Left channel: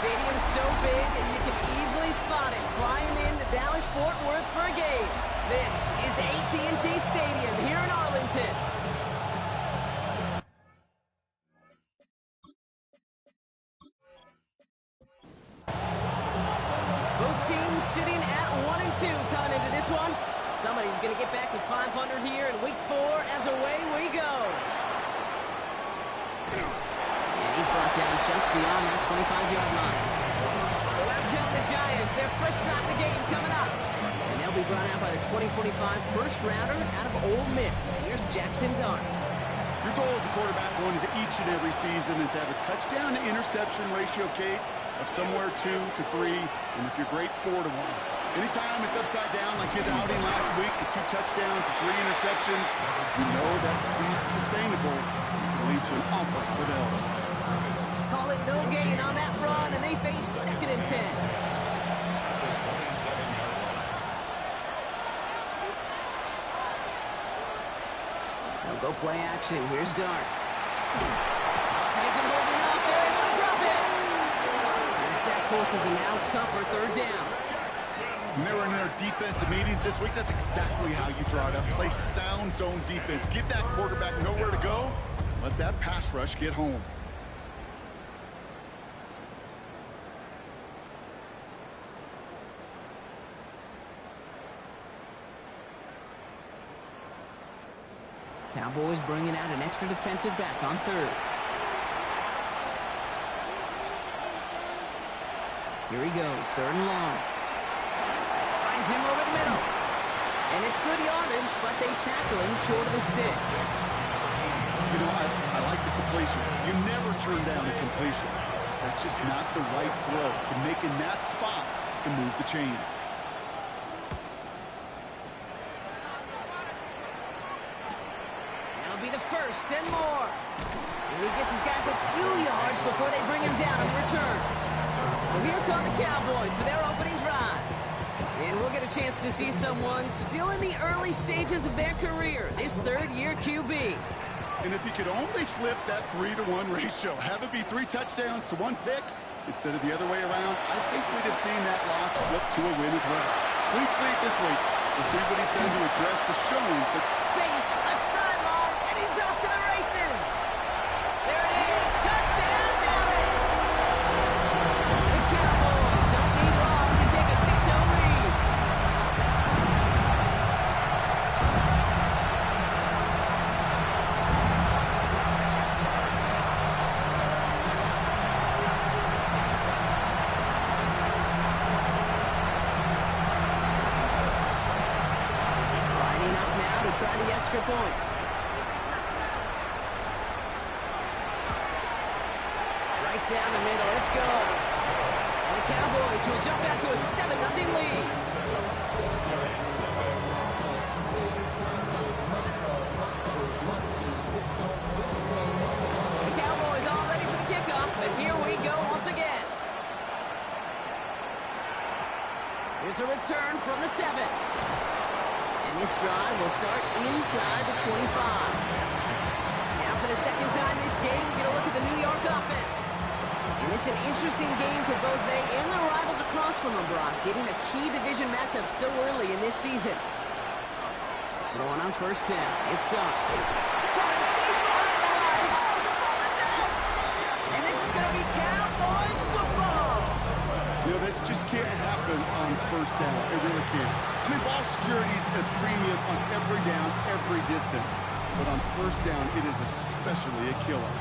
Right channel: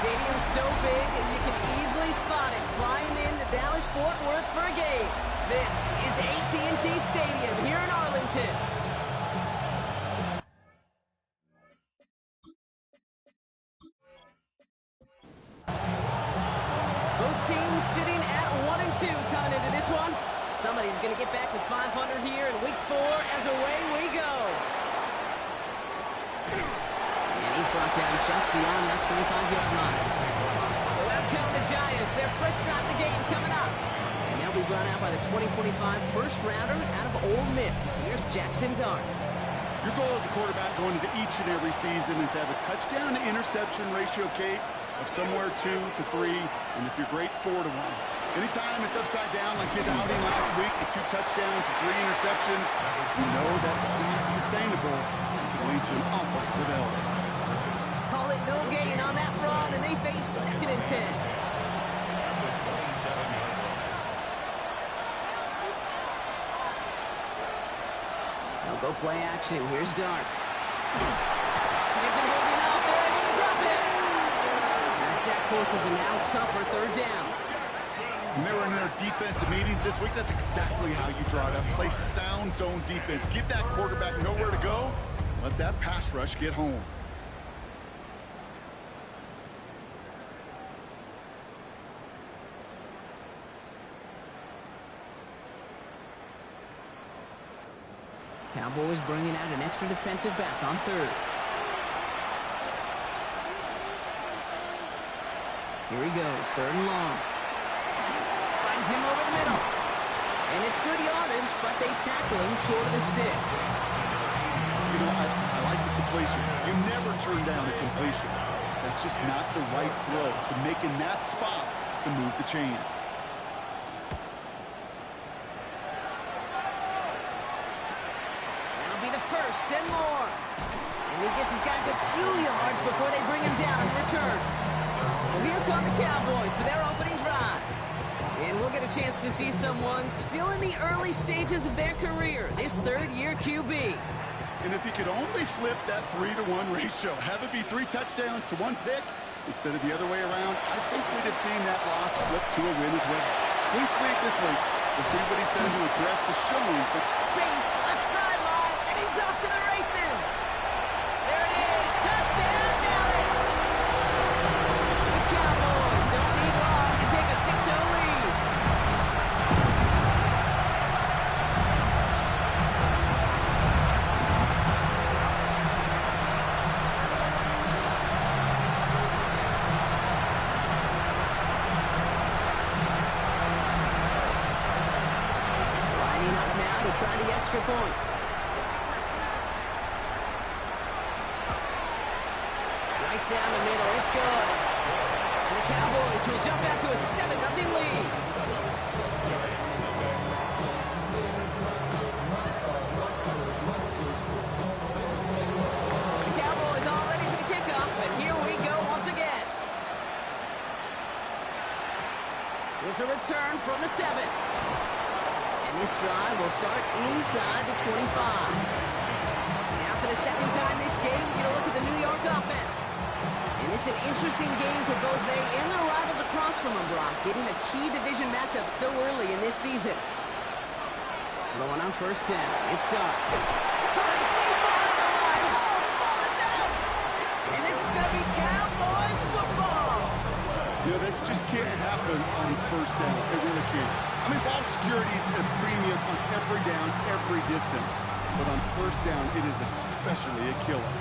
stadium's so big, you can easily spot it flying into Dallas-Fort Worth for a game. This is AT&T Stadium here in Arlington. Both teams sitting at 1-2 coming into this one. Somebody's going to get back to 500 here in week 4 as away we go. And he's brought down just beyond that 25-yard line. So out come the Giants. Their first drive of the game coming up. And they'll be brought out by the 2025 first-rounder out of Ole Miss. Here's Jackson Dart. Your goal as a quarterback going into each and every season is to have a touchdown-to-interception ratio, Kate, of somewhere 2 to 3, and if you're great, 4 to 1. Anytime it's upside down like his outing last week, the 2 touchdowns and 3 interceptions, you know that's not sustainable. It can lead to an awful lot of L's. Call it no gain on that run, and they face 2nd and 10. They'll go play action. Here's Dart. Isn't holding up. They're able to drop it. And the sack forces a now tougher 3rd down. When they were in their defensive meetings this week, that's exactly how you draw it up. Play sound zone defense. Give that quarterback nowhere to go. Let that pass rush get home. Cowboys bringing out an extra defensive back on 3rd. Here he goes, 3rd and long. Finds him over the middle. And it's good yardage, but they tackle him short of the stick. You know, I like the completion. You never turn down a completion. That's just not the right throw to make in that spot to move the chains. That'll be the 1st and more. And he gets his guys a few yards before they bring him down on the return. Well, here come the Cowboys for their opening drive. And we'll get a chance to see someone still in the early stages of their career, this 3rd-year QB. And if he could only flip that 3-to-1 ratio, have it be 3 touchdowns to 1 pick instead of the other way around, I think we'd have seen that loss flip to a win as well. Clean slate this week. We'll see what he's done to address the showing for space, left sideline, and he's off to the races. There it is, touchdown Dallas. The Cowboys don't need long to take a 6-0 lead. Lining up now to try the extra point. Right down the middle, it's good. And the Cowboys will jump out to a 7-0 lead. The Cowboys all ready for the kickoff, and here we go once again. Here's a return from the 7. And this drive will start inside the 25. Now for the 2nd time this game, we get a look at the New York offense. And this is an interesting game for both they and their rivals across from them, Brock, getting a key division matchup so early in this season. Going on 1st down, it's Dart. Coming deep behind the line. Oh, the ball is out! And this is going to be Cowboys football. You know, this just can't happen on 1st down. It really can't. I mean, ball security is a premium on every down, every distance. But on 1st down, it is especially a killer.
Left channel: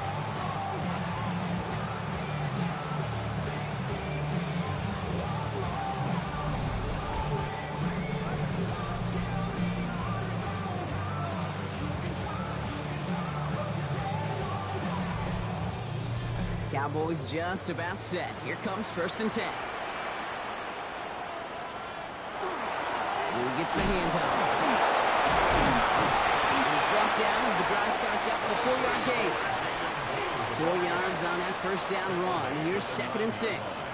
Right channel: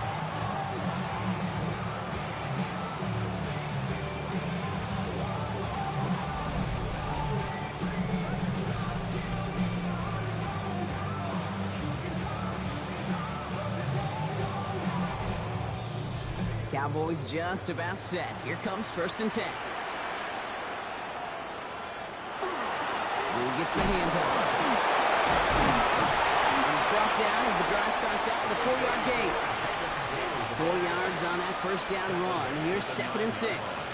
Cowboys just about set. Here comes 1st and 10. Who gets the handoff? And he's brought down as the drive starts out with a 4-yard gain. 4 yards on that 1st down run. Here's 2nd and 6.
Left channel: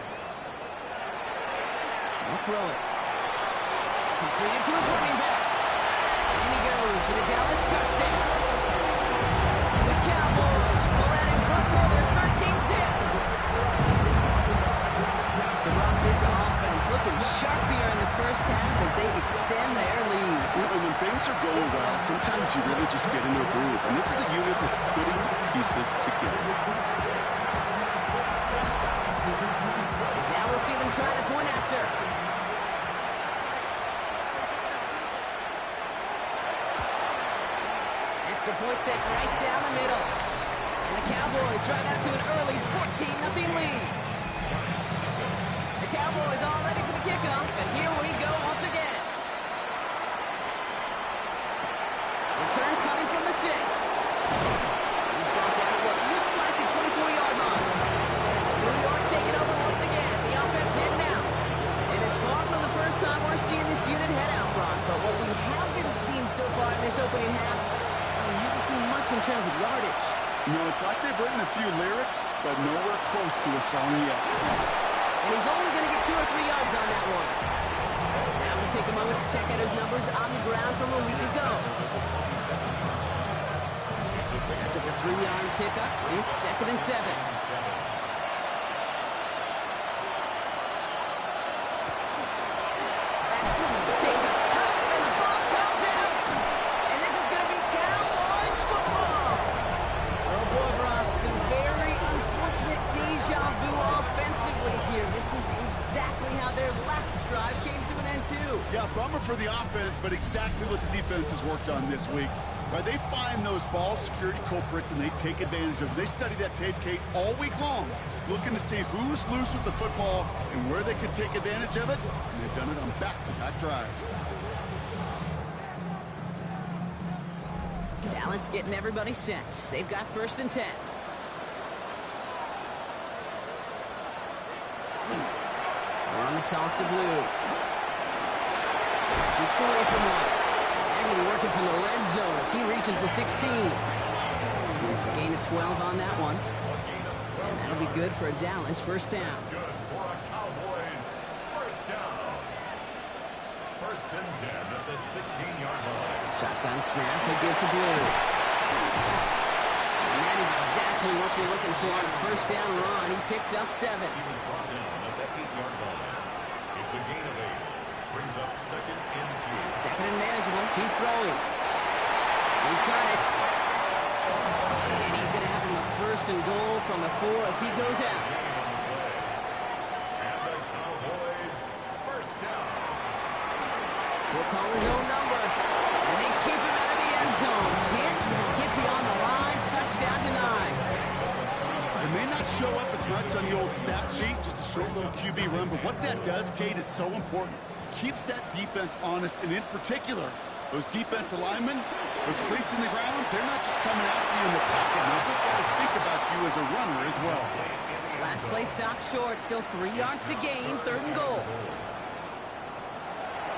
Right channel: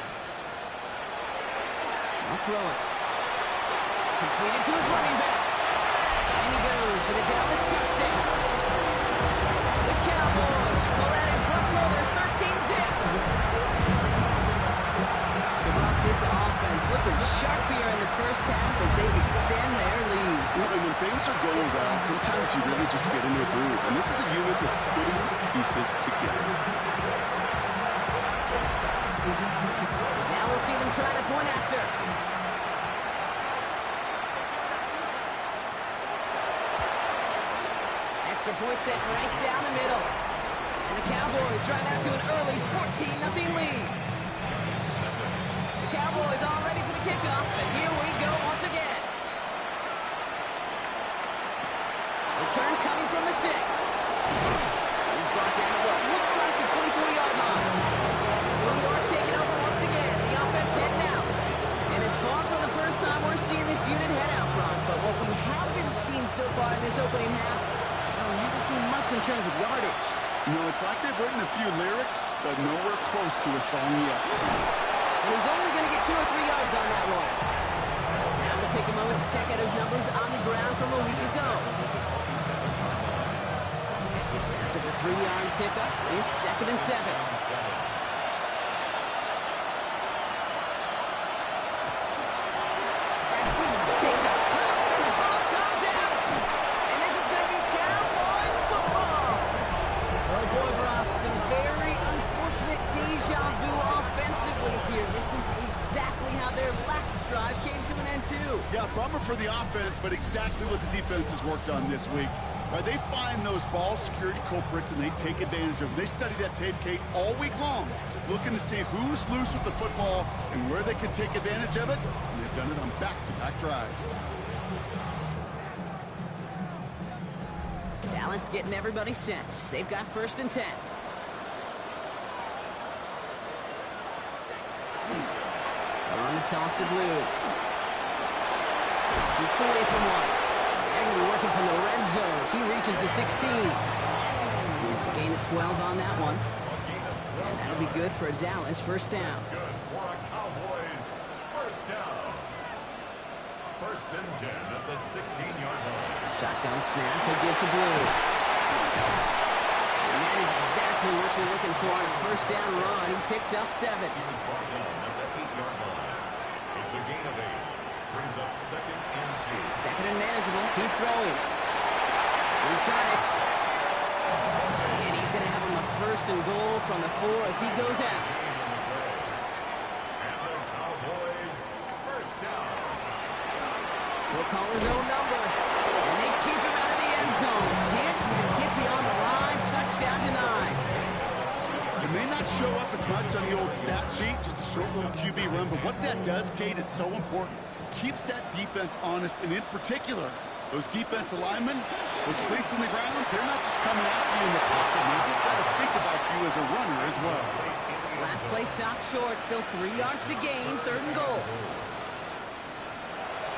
I'll throw it. Completed to his running back. And he goes for the Dallas touchdown. The Cowboys pull out in front for their 13-zip. So, Brock, this offense looking sharp here in the first half as they extend their lead. And when things are going well, sometimes you really just get into a groove. And this is a unit that's putting pieces together. Now we'll see them try the point after. Extra point set right down the middle. And the Cowboys drive out to an early 14-0 lead. The Cowboys all ready for the kickoff, and here we go once again. Return coming from the 6. He's brought down at what looks like the 24-yard line. New York taking over once again. The offense heading out. And it's far from the first time we're seeing this unit head out, Brock. But what we haven't seen so far in this opening half, well, we haven't seen much in terms of yardage. No, it's like they've written a few lyrics, but nowhere close to a song yet. And he's only going to get 2 or 3 yards on that one. Now we'll take a moment to check out his numbers on the ground from a week ago. After the 3-yard pickup, it's 2nd and 7. Takes a pop, and the ball comes out. And this is going to be Cowboys football. Oh boy, Brock, some very unfortunate deja vu offensively here. This is exactly how their last drive came to an end too. Yeah, bummer for the offense, but exactly what the defense has worked on this week. Right, they find those ball security culprits and they take advantage of them. They study that tape, Kate, all week long, looking to see who's loose with the football and where they can take advantage of it. And they've done it on back-to-back drives. Dallas getting everybody set. They've got 1st and 10. They'll run the toss to Blue. Jukes away from one. They're going to be working from the red zone as he reaches the 16. It's a gain of 12 on that one. And that'll be good for a Dallas 1st down. Good for a Cowboys 1st down. 1st and 10 at the 16-yard line. Shotgun snap, he'll give to Blue. And that is exactly what you're looking for on a 1st down run. He picked up 7. He was brought down at the 8-yard line. It's a gain of 8. Brings up 2nd and 2. 2nd and manageable. He's throwing. He's got it. And he's going to have him a 1st and goal from the 4 as he goes out. And the Cowboys 1st down. He'll call his own number. And they keep him out of the end zone. Can't even get beyond the line. Touchdown denied. It may not show up as much on the old stat sheet, just a short little QB run, but what that does, Kate, is so important. Keeps that defense honest, and in particular, those defense linemen, those cleats in the ground, they're not just coming after you in the pocket. Now they've got to think about you as a runner as well. Last play stopped short. Still 3 yards to gain. 3rd and goal.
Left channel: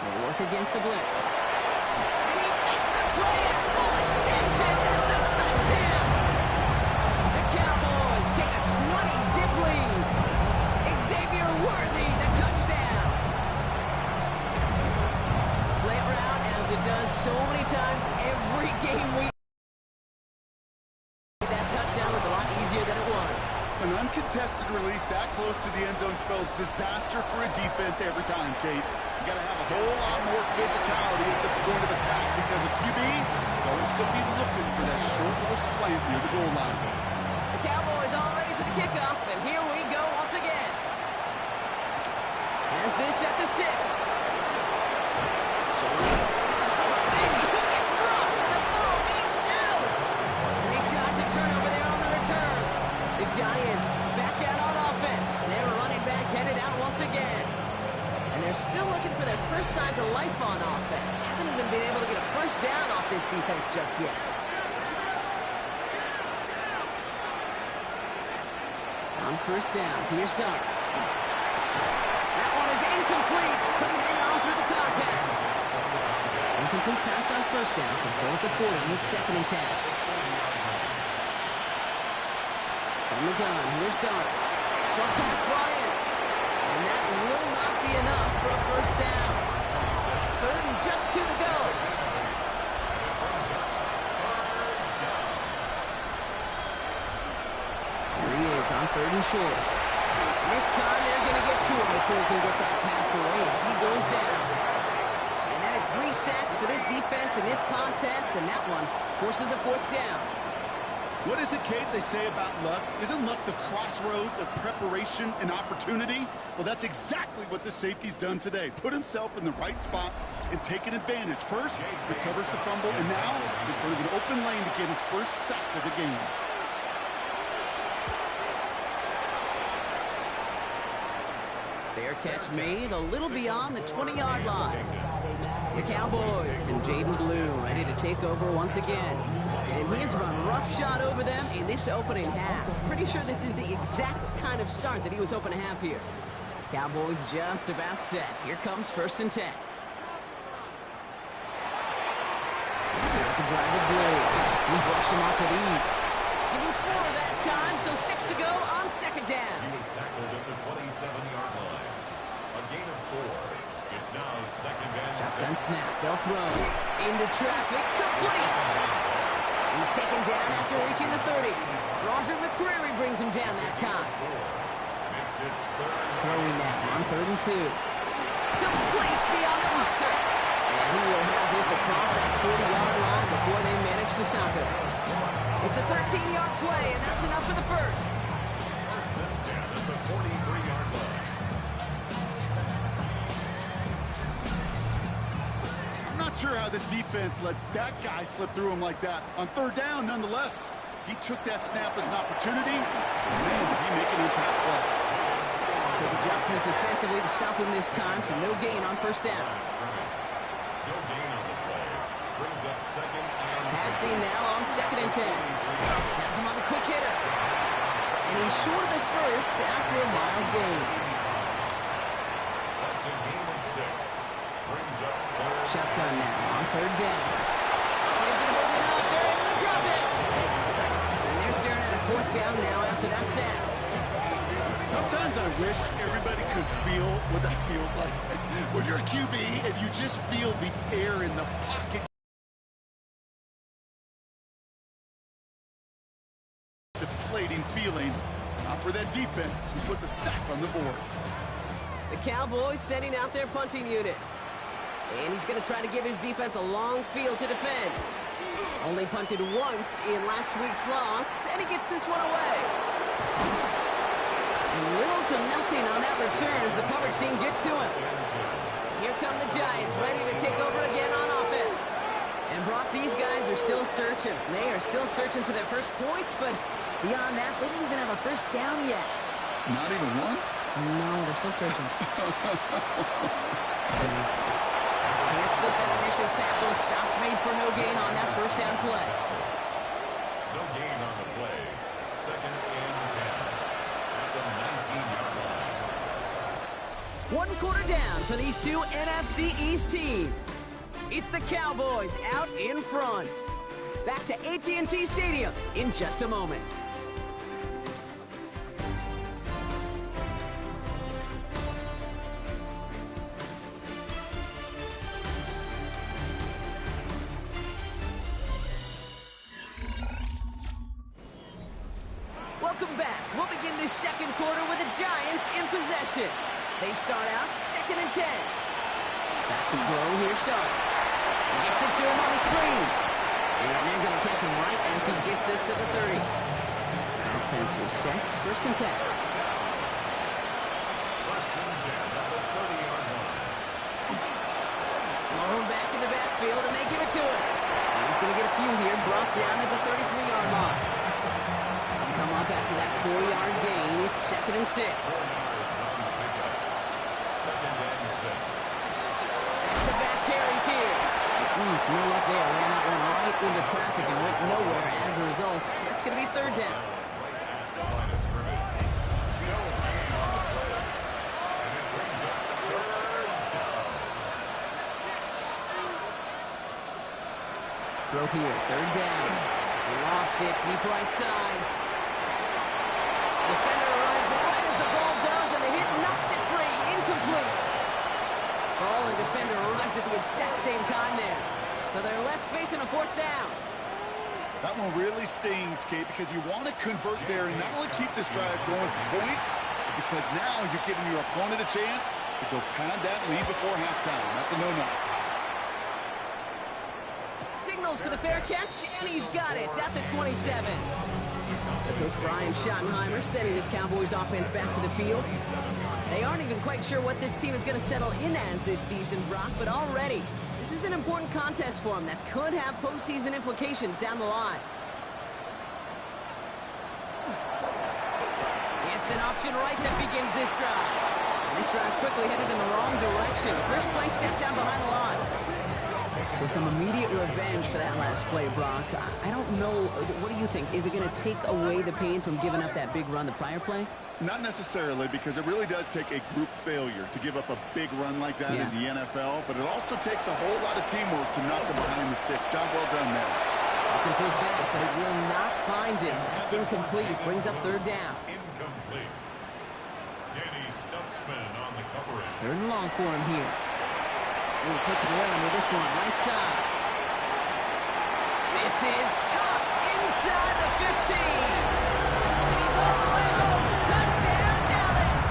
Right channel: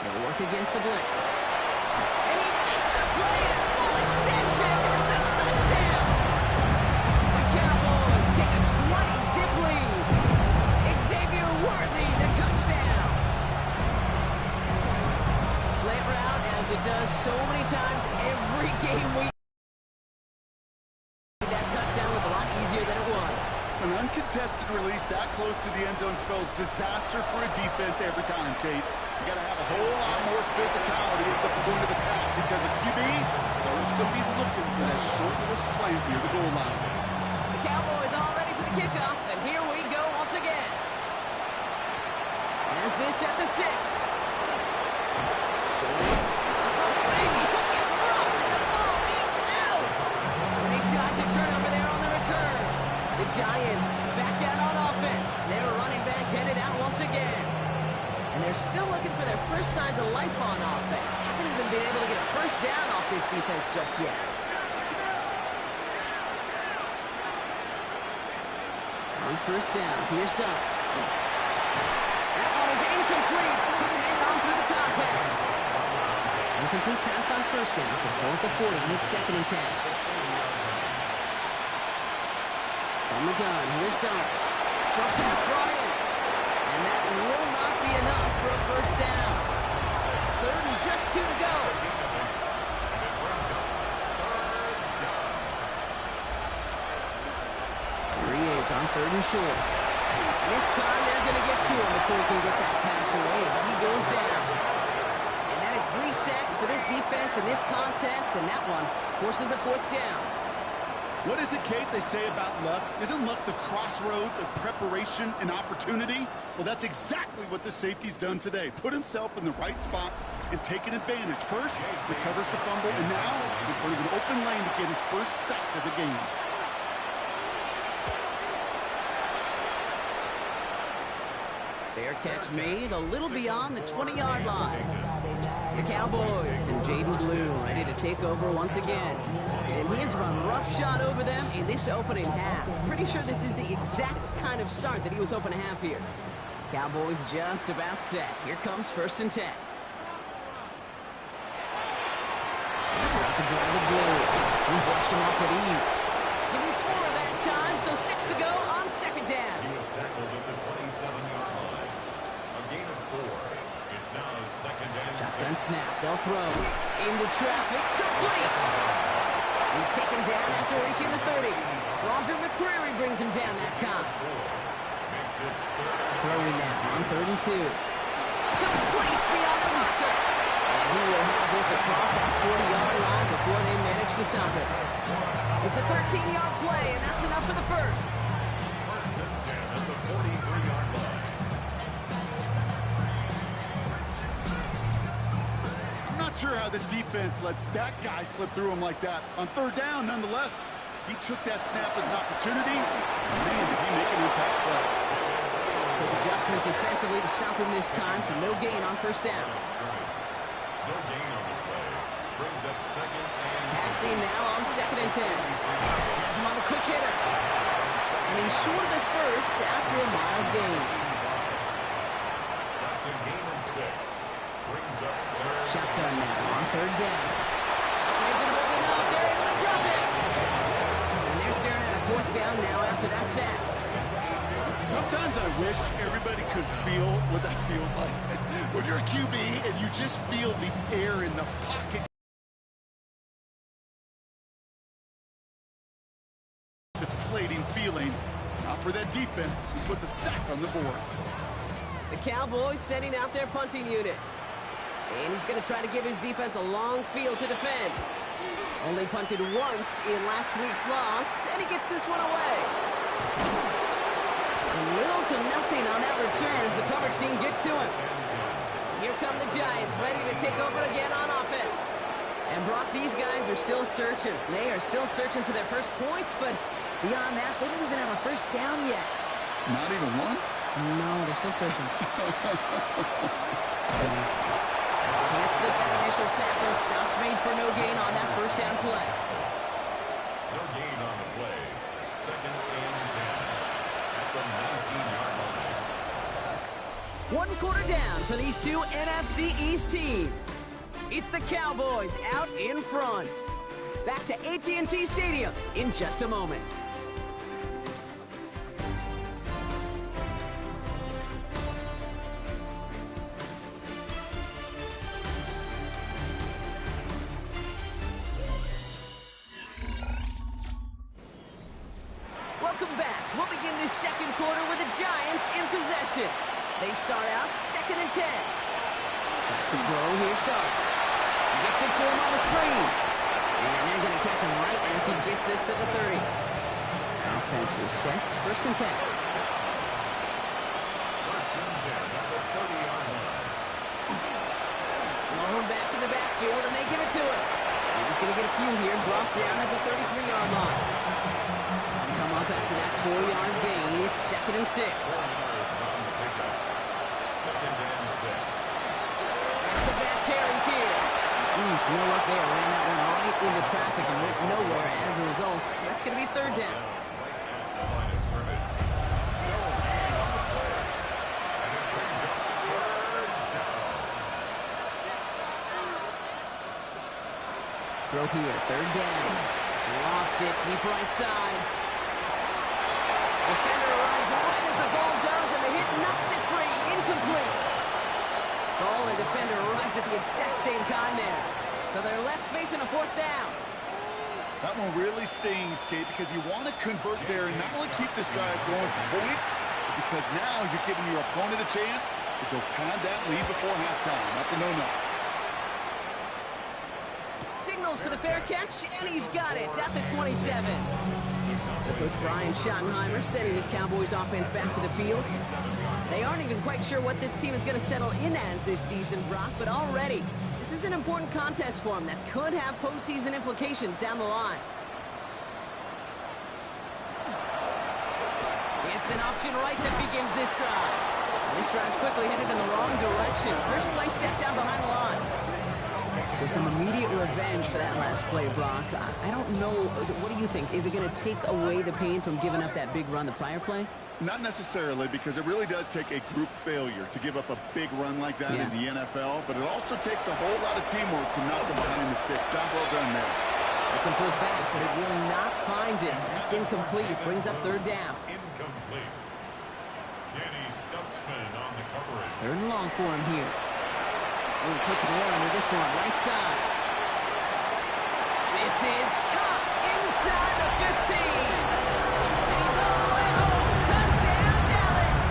He'll work against the blitz. And he makes the play at full extension. That's a touchdown. The Cowboys take a 20-zip lead. Xavier Worthy, the touchdown. Slant route, as it does so many times every game we that touchdown looked a lot easier than it was. An uncontested release that close to the end zone spells disaster for a defense every time, Kate. You got to have a whole lot more physicality at the point of attack because a QB is always going to be looking for that short little slant near the goal line. The Cowboys all ready for the kickoff, and here we go once again. As this at the 6. Oh, baby, he gets rocked, and the ball is out. And they dodge a turnover there on the return. The Giants back out on offense. Their running back headed out once again. And they're still looking for their first signs of life on offense. Haven't even been able to get a 1st down off this defense just yet. On 1st down, here's Dart. That one is incomplete. Couldn't hang on through the contact. Incomplete pass on 1st down, so still at the 40 with 2nd and 10. From the gun, here's Dart. Short pass brought in. And that will not be enough for a 1st down. 3rd and just 2 to go. Here he is on 3rd and short. And this time they're going to get to him before he can get that pass away as he goes down. And that is 3 sacks for this defense in this contest, and that one forces a 4th down. What is it, Kate, they say about luck? Isn't luck the crossroads of preparation and opportunity? Well, that's exactly what the safety's done today. Put himself in the right spots and taken advantage. First, recovers the fumble, and now in front of an open lane to get his first sack of the game. Fair catch made a little beyond the 20-yard line. The Cowboys and Jaden Blue ready to take over once again. And he has run roughshod over them in this opening half. Pretty sure this is the exact kind of start that he was hoping to have here. Cowboys just about set. Here comes 1st and 10. Start the drive with Blue. He brushed him off with ease. Give him 4 that time, so 6 to go on 2nd down. He was tackled at the 27-yard line. A gain of 4. It's now 2nd and 6. Shotgun snap. They'll throw. Into traffic. Complete. He's taken down after reaching the 30. Roger McCreary brings him down that time. Makes it 3rd. Throwing now on 3rd and 2. Complete beyond the marker. And he will have this across that 40-yard line before they manage to stop it. It's a 13-yard play, and that's enough for the 1st. 1st and 10 at the 43-yard line. I'm not sure how this defense let that guy slip through him like that. On 3rd down, nonetheless, he took that snap as an opportunity. Man, did he make an impact play. Quick adjustment defensively to stop him this time, so no gain on 1st down. No gain on the play. Brings up 2nd and 10. Passing now on 2nd and 10. Has him on the quick hitter. And he's short of the 1st after a mild gain. That's a gain of 6. Brings up 3rd. Shotgun now on 3rd down. He isn't holding up. They're able to drop it. And they're staring at a 4th down now after that sack. Sometimes I wish everybody could feel what that feels like. When you're a QB and you just feel the air in the pocket. Deflating feeling. Not for that defense who puts a sack on the board. The Cowboys sending out their punting unit. And he's going to try to give his defense a long field to defend. Only punted once in last week's loss, and he gets this one away. And little to nothing on that return as the coverage team gets to him. Here come the Giants, ready to take over again on offense. And Brock, these guys are still searching. They are still searching for their first points, but beyond that, they don't even have a 1st down yet. Not even one? No, they're still searching. Can't slip that initial tackle. Stops made for no gain on that 1st down play. No gain on the play. 2nd and 10 at the 19-yard line. 1 quarter down for these two NFC East teams. It's the Cowboys out in front. Back to AT&T Stadium in just a moment. Welcome back. We'll begin this 2nd quarter with the Giants in possession. They start out 2nd and 10. Back to throw. Here starts. Gets it to him on the screen. And they're going to catch him right as he gets this to the 30. Offense is set. 1st and 10. 1st and 10 at the 30-yard line. Blown back in the backfield, and they give it to him. And he's going to get a few here, brought down at the 33-yard line. They'll come up after that 4-yard gain. It's 2nd and 6. 4 yards on the pickup. 2nd and 6. Back-to-back carries here. No luck there. Ran that one right into traffic and went nowhere as a result. That's going to be 3rd down. Right at the line of scrimmage. No gain on the play. And it brings up 3rd down. Throw here. 3rd down. Lofts it deep right side. Defender arrives right as the ball does, and the hit knocks it free. Incomplete. Ball and defender arrives at the exact same time there. So they're left facing a 4th down. That one really stings, Kate, because you want to convert there and not only keep this drive going for points, but because now you're giving your opponent a chance to go pad that lead before halftime. That's a no-no. Signals for the fair catch, and he's got it at the 27. So Coach Brian Schottenheimer sending his Cowboys offense back to the field. They aren't even quite sure what this team is going to settle in as this season, Brock, but already this is an important contest for them that could have postseason implications down the line. It's an option right that begins this drive. And this drive's quickly headed in the wrong direction. First play set down behind the line. So some immediate revenge for that last play, Brock. I don't know. What do you think? Is it going to take away the pain from giving up that big run the prior play? Not necessarily, because it really does take a group failure to give up a big run like that in the NFL. But it also takes a whole lot of teamwork to knock him behind the sticks. Job well done there. Looking for his back, but it will not find him. That's incomplete. Brings up third down. Incomplete. Danny Stutzman on the coverage. Third and long for him here. Ooh, puts him around with this one, right side. This is caught inside the 15. And he's all the way home. Touchdown, Dallas.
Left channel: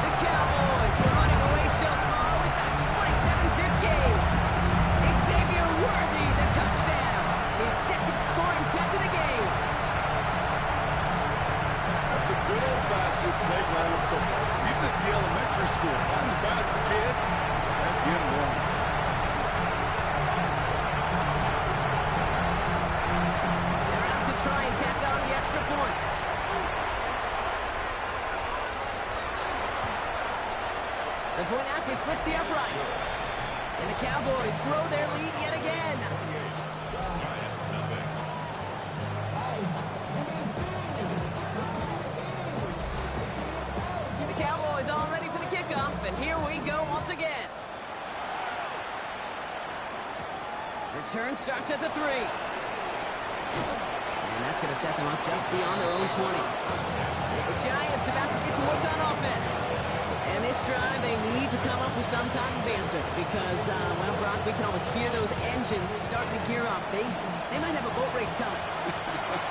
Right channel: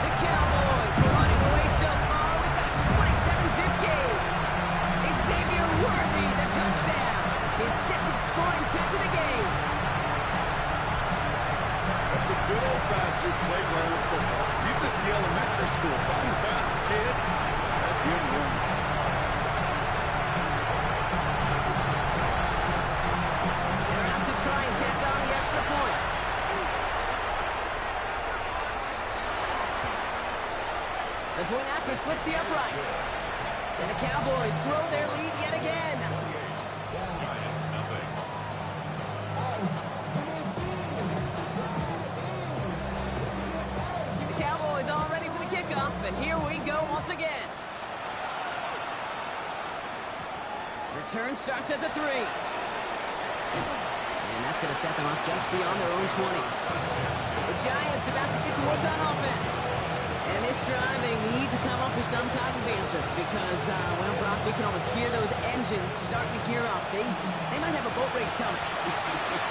The Cowboys were running away so far with a 27-zip game. Xavier Worthy, the touchdown. His second scoring catch of the game. That's some good old-fashioned playground football. Even at the elementary school, find the fastest kid and get one. They're out to try and tack on the extra point. The point after splits the uprights. And the Cowboys grow their lead yet again. Giants nothing. The Cowboys all ready for the kickoff, and here we go once again. Return starts at the 3. And that's going to set them up just beyond their own 20. The Giants about to get to work on offense. And this drive, they need to come up with some type of answer because, well, Brock, we can almost hear those engines starting to gear up. They might have a boat race coming.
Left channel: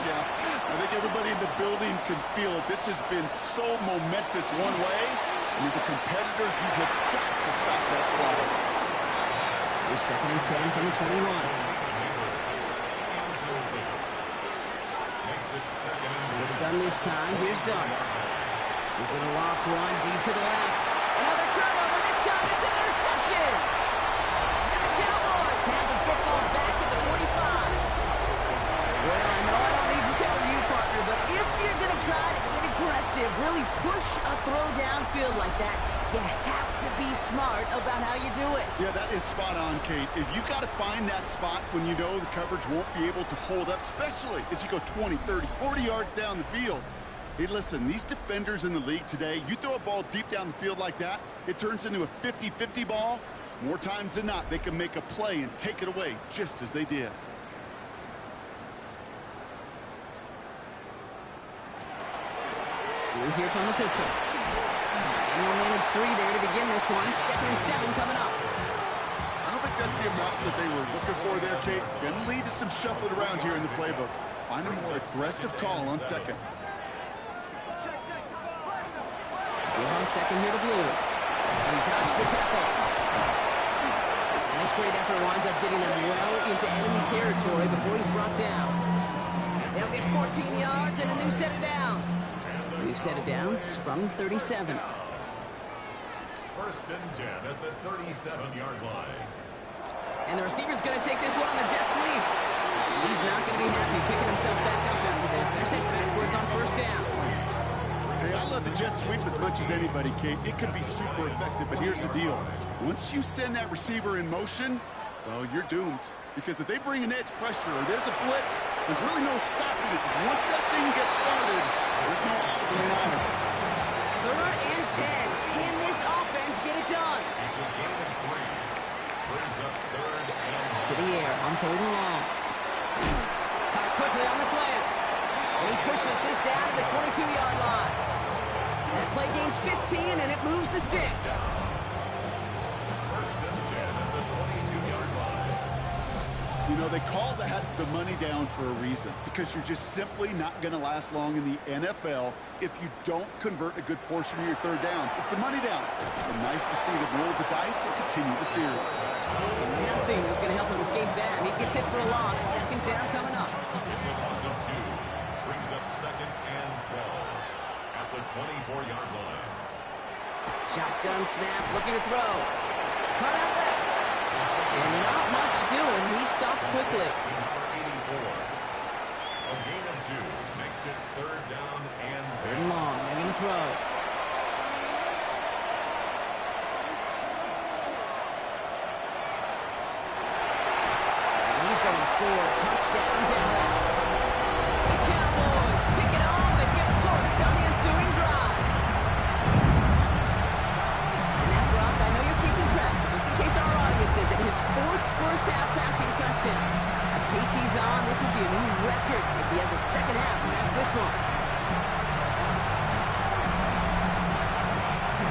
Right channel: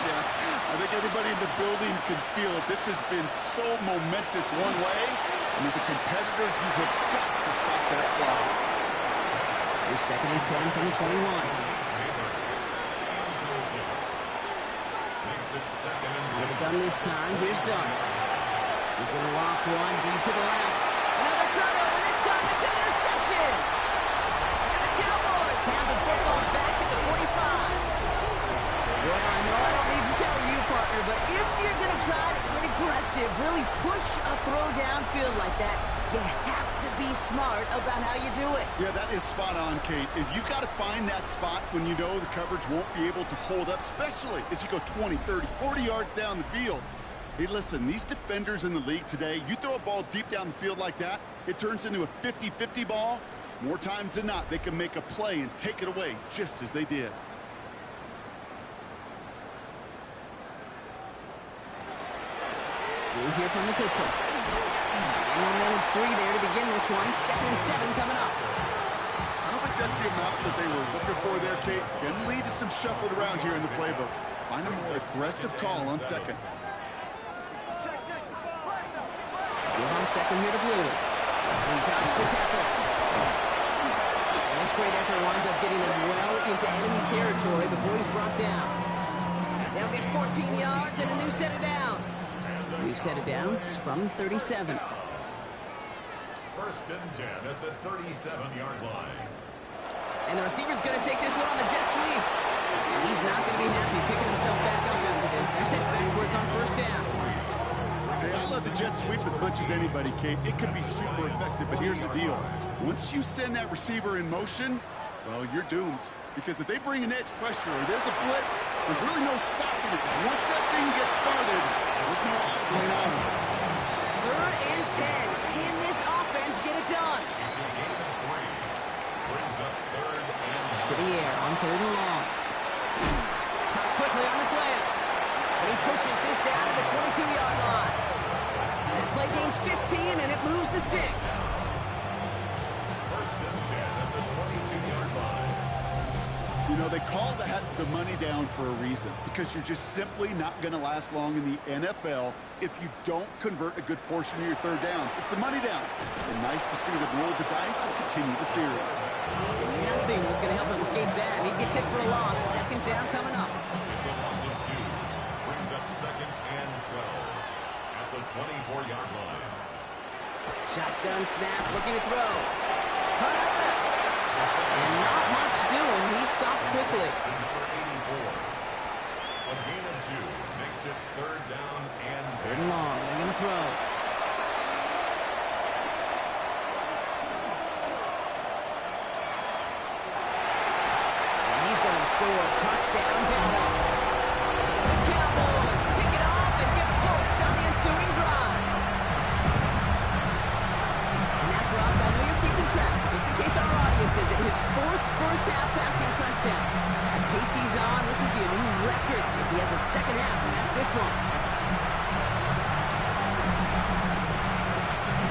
Yeah, I think everybody in the building can feel it. This has been so momentous one way, and as a competitor, you have got to stop that slide. Here's 2nd and 10 from the 21. Makes it 2nd and 10. With the gun this time, here's Dart. He's going to loft one deep to the left. Another turnover. This time it's an interception. And the Cowboys have the football back at the 45. Well, I know I don't need to tell you, partner, but if you're going to try to get aggressive, really push a throw downfield like that, you have to be smart about how you do it. Yeah, that is spot on, Kate. If you've got to find that spot when you know the coverage won't be able to hold up, especially as you go 20, 30, 40 yards down the field. Hey, listen, these defenders in the league today, you throw a ball deep down the field like that, it turns into a 50-50 ball. More times than not, they can make a play and take it away, just as they did. Blue here from the pistol. And he'll manage 3 there to begin this one. 2nd and 7 coming up. I don't think that's the amount that they were looking for there, Kate. Can lead to some shuffling around here in the playbook. Find a more aggressive call on 2nd. Give on 2nd here to Blue. And he dodged the tackle. And this great effort winds up getting him well into enemy territory before he's brought down. They'll get 14 yards and a new set of downs. New set of downs from 37. 1st and 10 at the 37-yard line. And the receiver's going to take this one on the jet sweep. He's not going to be happy picking himself back up after this. They're sent backwards on 1st down. Hey, I love the jet sweep as much as anybody, Kate. It can be super effective, but here's the deal. Once you send that receiver in motion, well, you're doomed. Because if they bring an edge pressure or there's a blitz, there's really no stopping it. Once that thing gets started, there's no audible out of it. 3rd and 10. Can this offense get it done? It's a gain of 3. Brings up 3rd and 10. To the air on 3rd and long. Caught quickly on the slant. And he pushes this down to the 22-yard line. That play gains 15, and it moves the sticks. 1st and 10 at the 22-yard line. You know, they call that the money down for a reason, because you're just simply not going to last long in the NFL if you don't convert a good portion of your third downs. It's the money down. And nice to see them roll the dice and continue the series. And nothing was going to help him escape that. He gets hit for a loss. Second down coming up. It's a loss of 2. Brings up 2nd and 12 at the 24-yard line. Shotgun snap, looking to throw. Cut out left. And not much doing. He stopped quickly. To number 84. A gain of 2 makes it 3rd down and 10. Third and long. They're going to throw. And he's going to score. Touchdown, Dallas. The Cowboys pick it off and get points on the ensuing drive. And that, Brock, I know you're keeping track, but just in case our audience isn't, his 4th first-half passing touchdown. At the pace he's on, this would be a new record if he has a second half to match this one.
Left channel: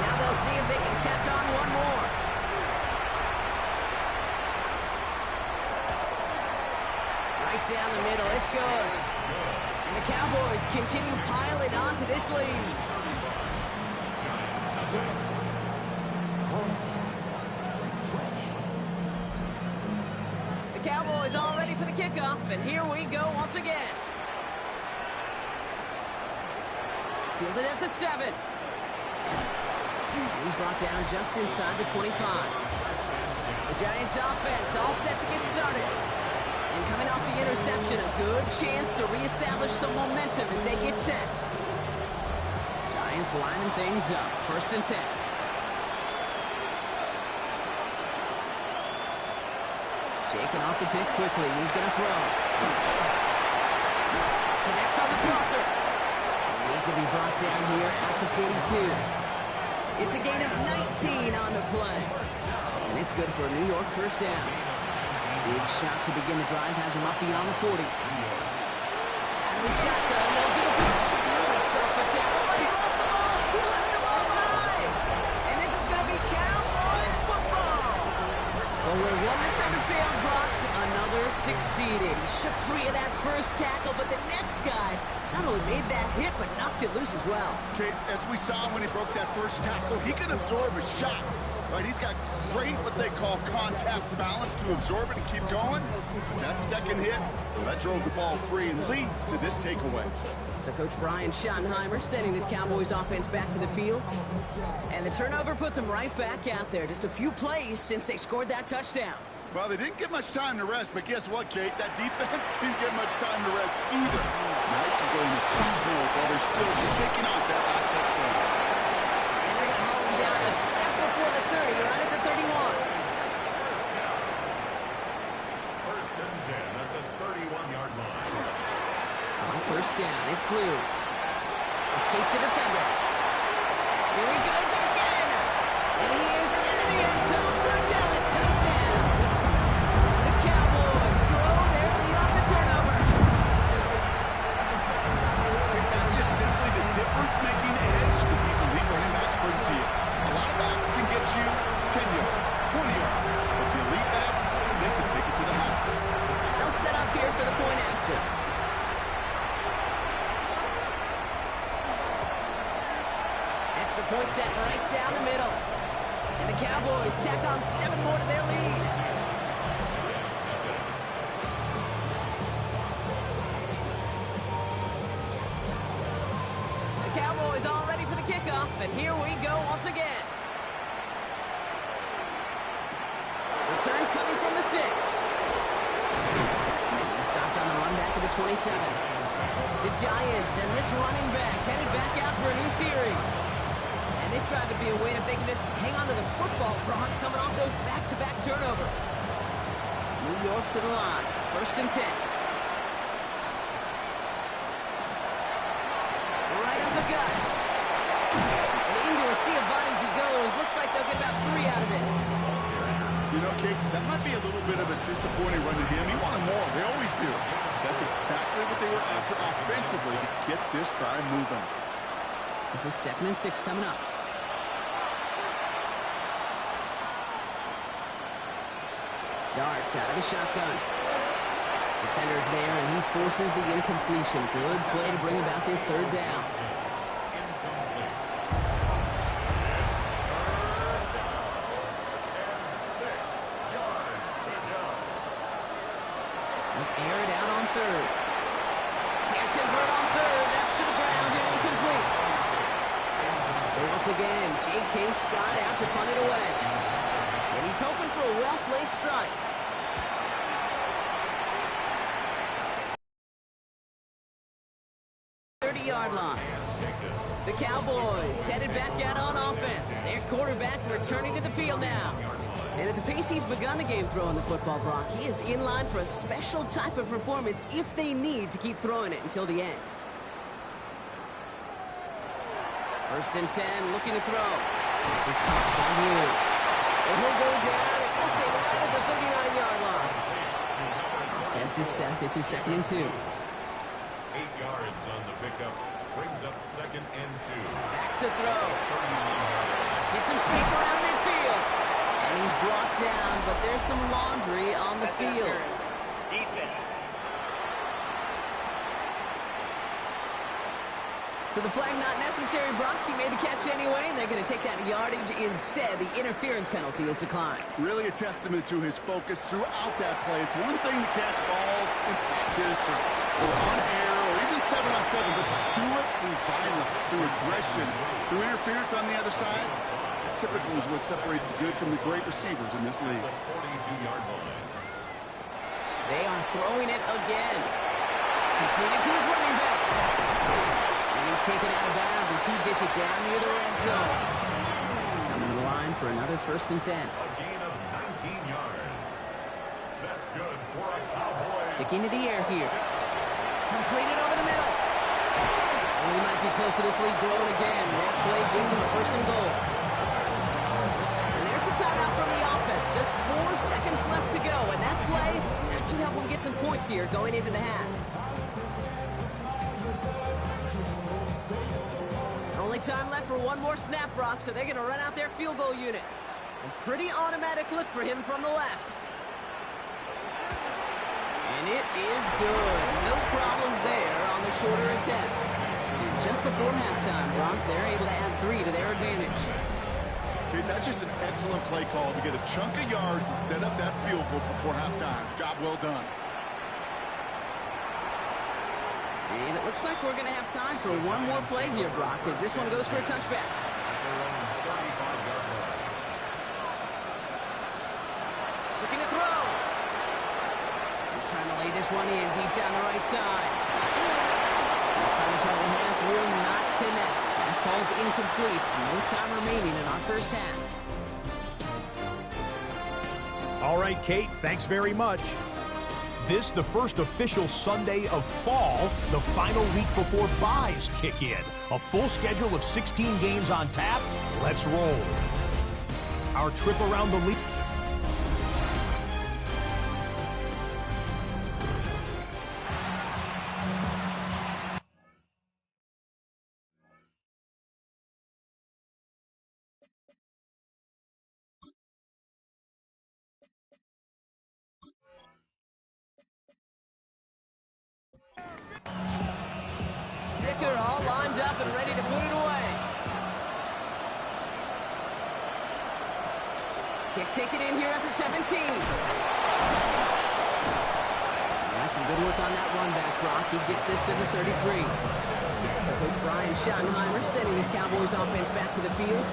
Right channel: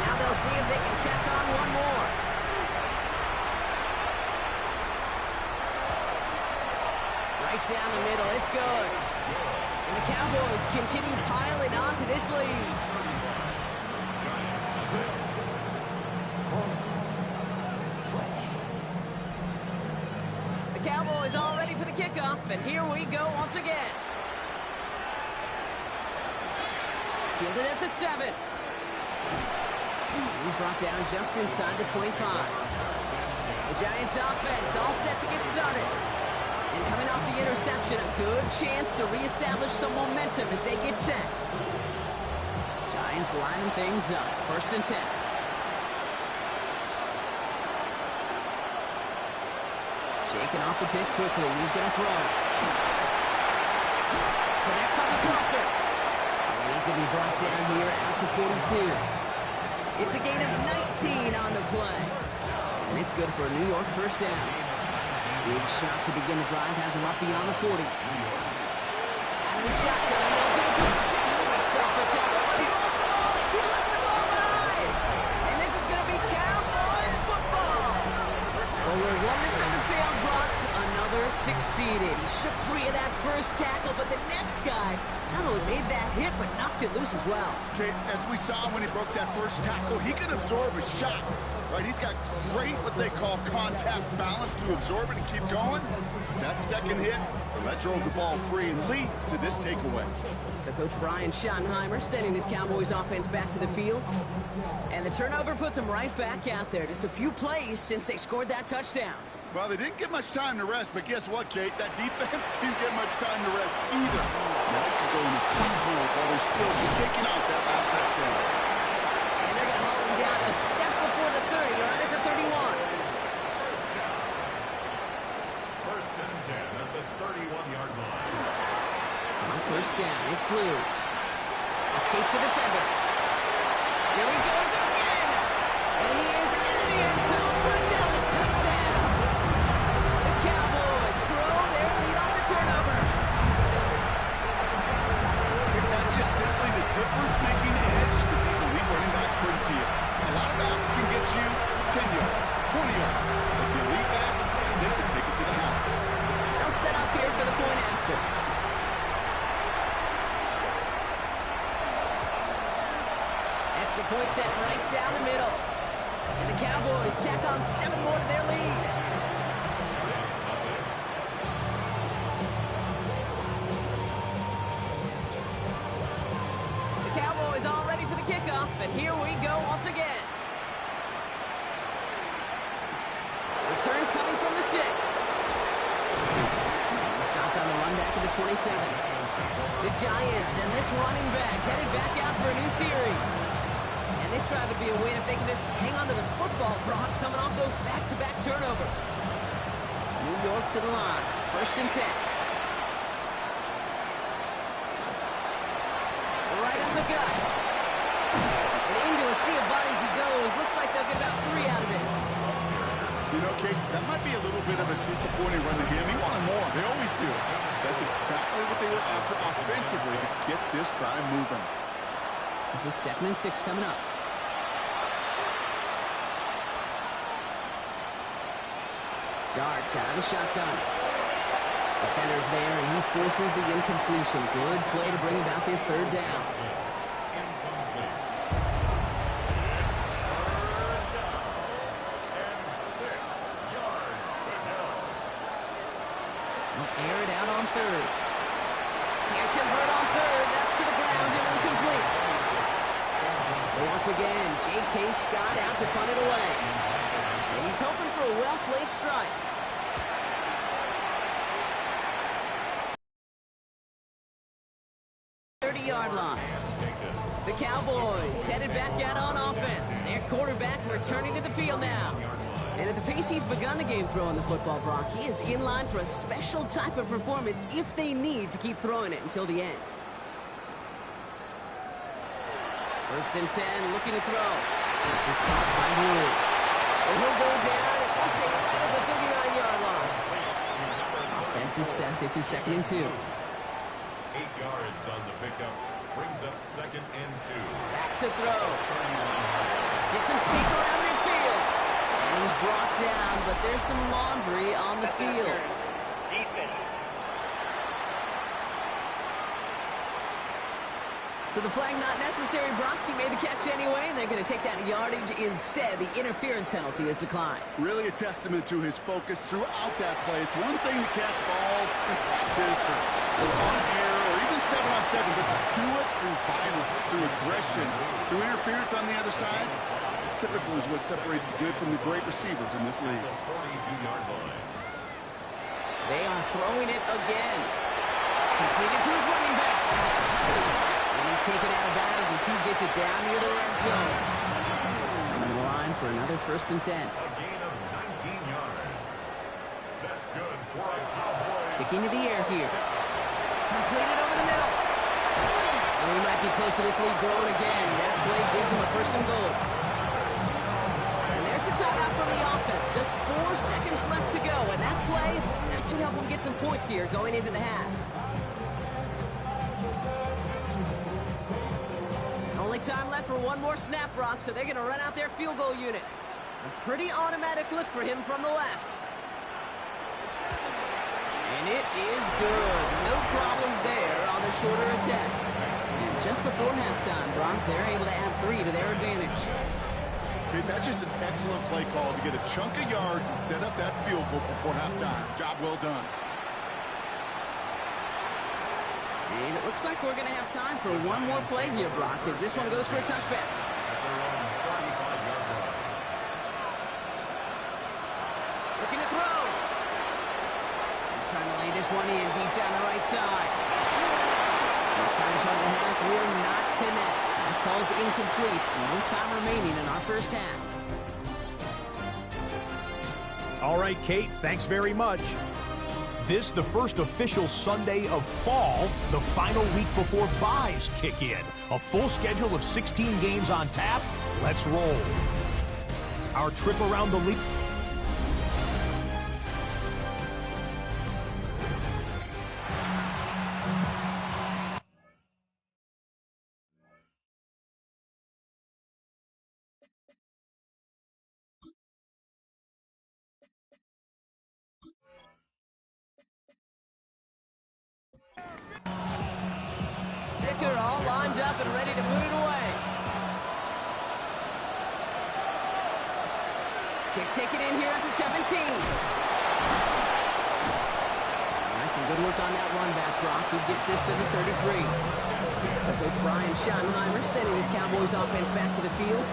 Now they'll see if they can tack on one more. Right down the middle, it's good. And the Cowboys continue piling on to this lead. Giants nothing. Cowboys all ready for the kickoff, and here we go once again. Fielded at the 7. And he's brought down just inside the 25. The Giants offense all set to get started. And coming off the interception, a good chance to reestablish some momentum as they get set. Giants lining things up. 1st and 10. Shaking off the pick quickly. He's going to throw. Connects on the crosser. And he's going to be brought down here at the 42. It's a gain of 19 on the play. And it's good for a New York first down. Big shot to begin the drive has him up beyond the 40. Out of the shotgun. They'll give it to him. Great self-protect. But he lost the ball. He left the ball behind. And this is going to be Cowboys football. Well, we're 1 from the field, Brock. Another succeeded. He shook free of that first tackle, but the next guy not only made that hit, but knocked it loose as well. Okay, as we saw when he broke that first tackle, he can absorb a shot. Right, he's got great, what they call contact balance to absorb it and keep going. That second hit, well, that drove the ball free and leads to this takeaway. So Coach Brian Schottenheimer sending his Cowboys offense back to the field. And the turnover puts them right back out there. Just a few plays since they scored that touchdown. Well, they didn't get much time to rest, but guess what, Kate? That defense didn't get much time to rest either. Now you can go in the top mode while they're still kicking off that last touchdown. And they're going to haul him down a step before the 30, right at the 31. First down. 1st and 10 at the 31-yard line. On 1st down, it's Blue. Escapes a defender. Here he goes again. And he is into the end zone for a Dallas touchdown. The Cowboys grow their lead off the turnover. I think that's just simply the difference-making edge that these elite running backs bring to you. A lot of backs can get you 10 yards, 20 yards, but the elite backs, they can take it to the house. They'll set up here for the point after. Extra point set right down the middle. And the Cowboys tack on 7 more to their lead. Giants nothing. The Cowboys all ready for the kickoff, and here we go once again. Return coming from the 6. He stopped on the run back at the 27. The Giants and this running back headed back out for a new series. And this drive would be a win if they can just hang on to the football, Brock, coming off those back-to-back turnovers. New York to the line. 1st and 10. Right up the gut. And into a sea of bodies he goes. Looks like they'll get about 3 out of it. You know, Kate, that might be a little bit of a disappointing run to him. He wanted more. They always do. That's exactly what they were after offensively to get this drive moving. This is 2nd and 6 coming up. Darts out of the shotgun. Defender's there, and he forces the incompletion. Good play to bring about this 3rd down. They'll air it out on third. Can't convert on third. That's to the ground and incomplete. So once again, J.K. Scott out to punt it away. And he's hoping for a well-placed strike. Yard line. The Cowboys headed back out on offense. Their quarterback returning to the field now. And at the pace he's begun the game throwing the football, Brock, he is in line for a special type of performance if they need to keep throwing it until the end. 1st and 10, looking to throw. This is caught by Wood. And he'll go down, and we'll say right at the 39-yard line. Offense is set. This is 2nd and 2. 8 yards on the pickup. Brings up 2nd and 2. Back to throw. Get some space around midfield. And he's brought down, but there's some laundry on the field. Defense. So the flag not necessary, Brock. He made the catch anyway, and they're going to take that yardage instead. The interference penalty is declined. Really a testament to his focus throughout that play. It's one thing to catch balls in practice or on air or even 7-on-7, but to do it through violence, through aggression, through interference on the other side, typical is what separates the good from the great receivers in this league. 42-yard line. They are throwing it again. Completed to his running back. And he's taken out of bounds as he gets it down near the red zone. Coming to the line for another 1st and 10. A gain of 19 yards. That's good for a Cowboys. Sticking to the air here. Completed over the middle. And we might be close to this lead growing again. That play gives him a 1st and goal. And there's the timeout from the offense. Just 4 seconds left to go. And that play, that should help him get some points here going into the half. Only time left for one more snap, Brock, so they're going to run out their field goal unit. A pretty automatic look for him from the left. And it is good. No problems there on the shorter attempt. And just before halftime, Brock, they're able to add 3 to their advantage. Okay, that's just an excellent play call to get a chunk of yards and set up that field goal before halftime. Job well done. And it looks like we're going to have time for one more play here, Brock, as this one goes for a touchback. At their own 35-yard line. Looking to throw. He's trying to lay this one in deep down the right side. His final shot of the half will not connect. That falls incomplete. No time remaining in our first half. All right, Kate, thanks very much. This, the first official Sunday of fall, the final week before byes kick in. A full schedule of 16 games on tap. Let's roll. Our trip around the league. Ticker all lined up and ready to put it away. Kick taken in here at the 17. All right, some good work on that run back, Brock. He gets this to the 33. So Coach Brian Schottenheimer sending his Cowboys offense back to the field.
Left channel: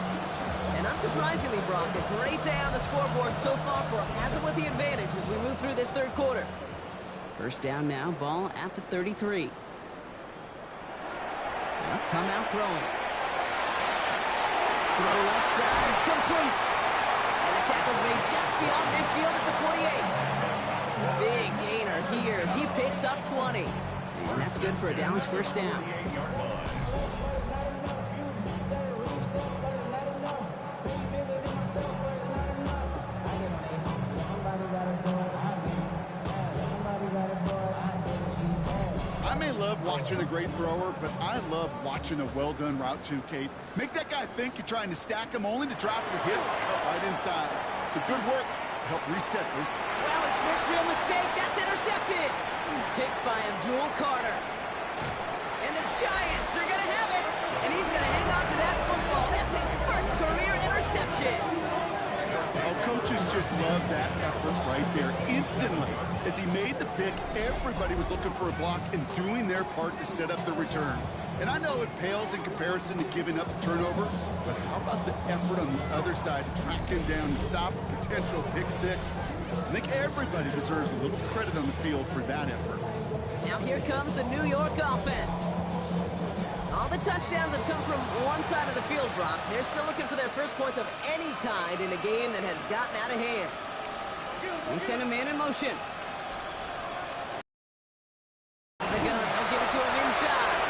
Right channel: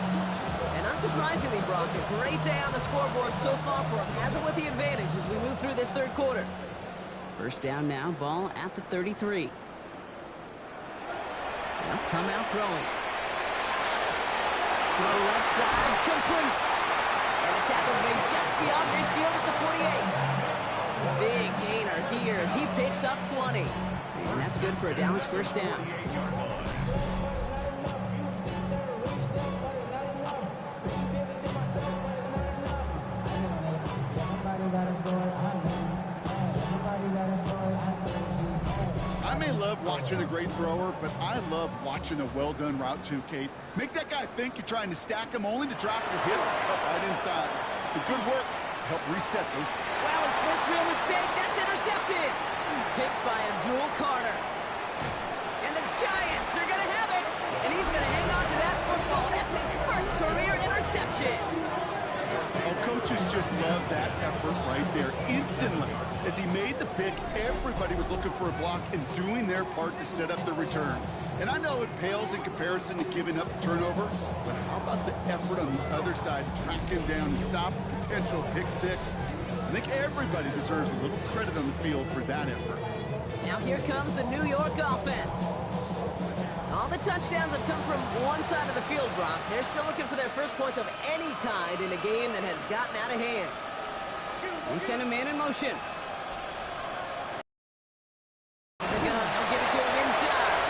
And unsurprisingly, Brock, a great day on the scoreboard so far for him. Has it with the advantage as we move through this third quarter. First down now, ball at the 33. They'll come out throwing. Throw left side, complete. And the tackle's made just beyond midfield at the 48. Big gainer here as he picks up 20. And that's good for a Dallas first down. I may love watching a great thrower, but I love watching a well-done route too, Kate. Make that guy think you're trying to stack him only to drop your hips right inside. Some good work to help reset those. Wow, his first real mistake. That's intercepted. Picked by Abdul Carter. And the Giants are going to have it. And he's going to hang on to that football. That's his first career interception. Oh, coaches just love that effort right there. Instantly, as he made the pick, everybody was looking for a block and doing their part to set up the return. And I know it pales in comparison to giving up the turnover, but how about the effort on the other side to track him down and stop a potential pick six? I think everybody deserves a little credit on the field for that effort. Now here comes the New York offense. All the touchdowns have come from one side of the field, Brock. They're still looking for their first points of any kind in a game that has gotten out of hand. They send a man in motion. The gun, they'll give it to him inside.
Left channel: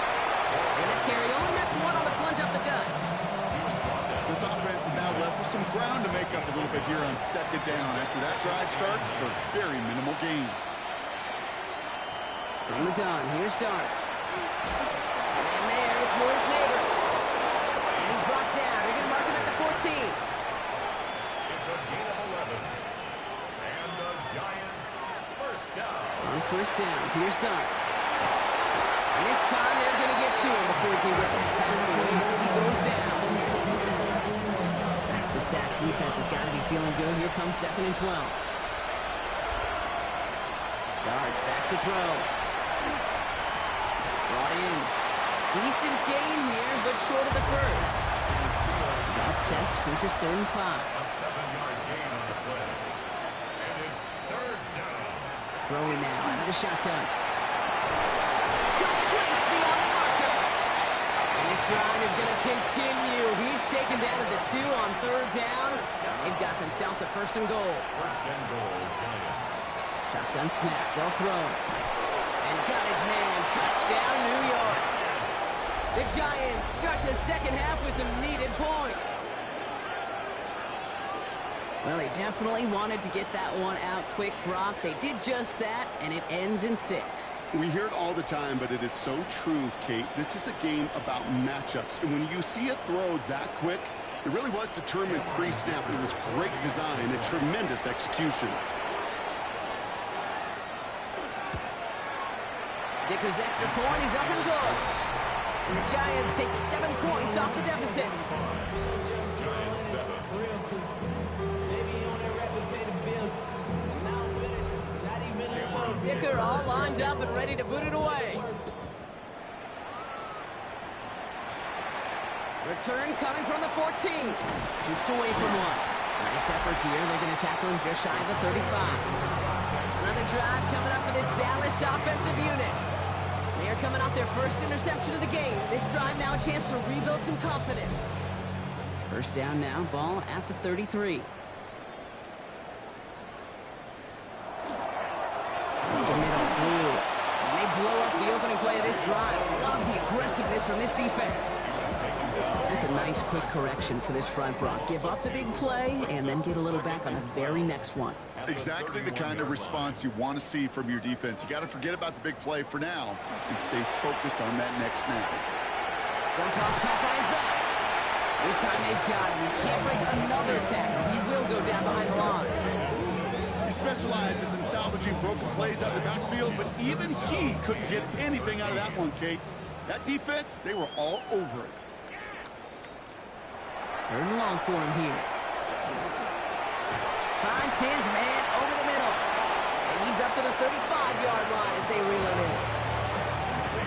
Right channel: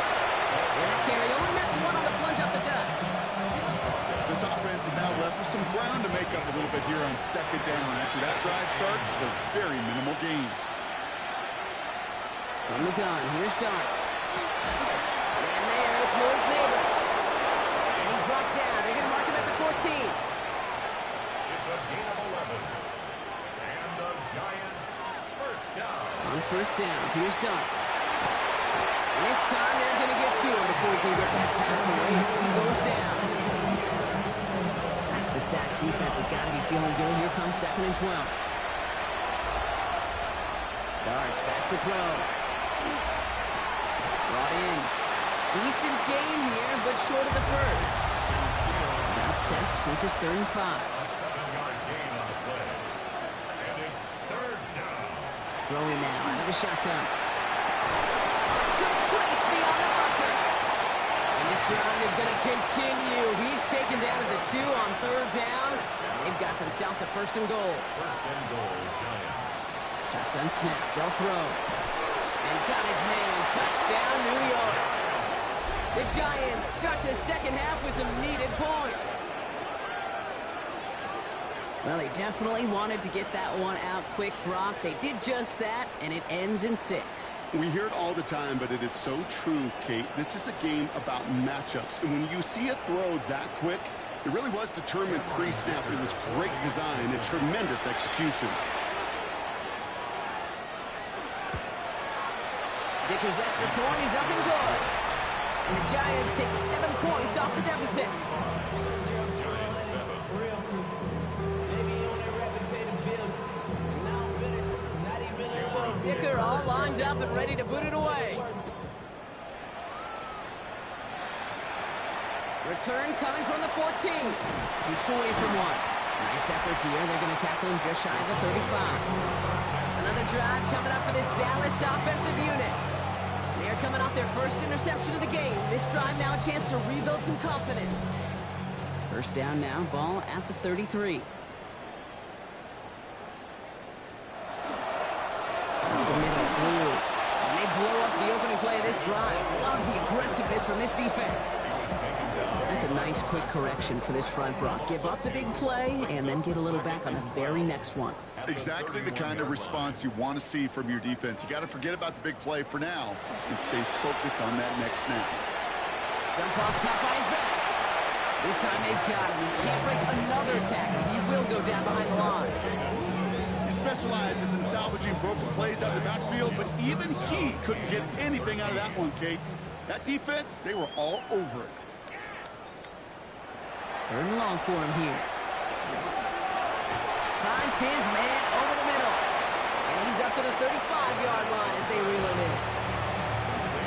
And that carry only nets one on the plunge up the gut. This offense is now left with some ground to make up a little bit here on second down. After that drive starts, a very minimal gain. From the gun, here's Dart. And there, it's Malik Neighbors. And he's brought down. They're going to mark him at the 14. It's a gain of 11. And the Giants first down. On first down, here's Dart. And this time they're going to get to him before he can get that pass away as he goes down. The sack defense has got to be feeling good. Here comes 2nd and 12. Dart's back to throw. Brought in. Decent gain here, but short of the first. About set. This is 3rd and 5. A 7-yard gain on the play. And it's 3rd down. Throwing now out of the shotgun. Complete beyond the marker. And this drive is going to continue. He's taken down at the 2 on 3rd down. And they've got themselves a 1st and goal. 1st and goal, Giants. Shotgun snap. They'll throw. And got his man. Touchdown, New York. The Giants start the second half with some needed points. Well, they definitely wanted to get that one out quick, Brock. They did just that, and it ends in 6. We hear it all the time, but it is so true, Kate. This is a game about matchups. And when you see a throw that quick, it really was determined pre-snap. It was great design and tremendous execution. Dicker's extra point is up and good. And the Giants take 7 points off the deficit. Giants 7. Real quick. Maybe on that rapid pay the bills. Now I'm finished. Not even a little. Dicker all lined up and ready to boot it away. Return coming from the 14. Jukes away from one. Nice effort here. They're going to tackle him just shy of the 35. Another drive coming up for this Dallas offensive unit. They are coming off their first interception of the game. This drive now a chance to rebuild some confidence. First down now, ball at the 33. The middle, blue. And they blow up the opening play of this drive. Love the aggressiveness from this defense. That's a nice quick correction for this front, Brock. Give up the big play and then get a little back on the very next one. Exactly the kind of response you want to see from your defense. You got to forget about the big play for now and stay focused on that next snap. Dump off, caught by his back. This time they've got him. He can't break another tackle. He will go down behind the line. He specializes in salvaging broken plays out of the backfield, but even he couldn't get anything out of that one, Kate. That defense, they were all over it. 3rd and long for him here. Finds his man over the middle. And he's up to the 35-yard line as they reel him in.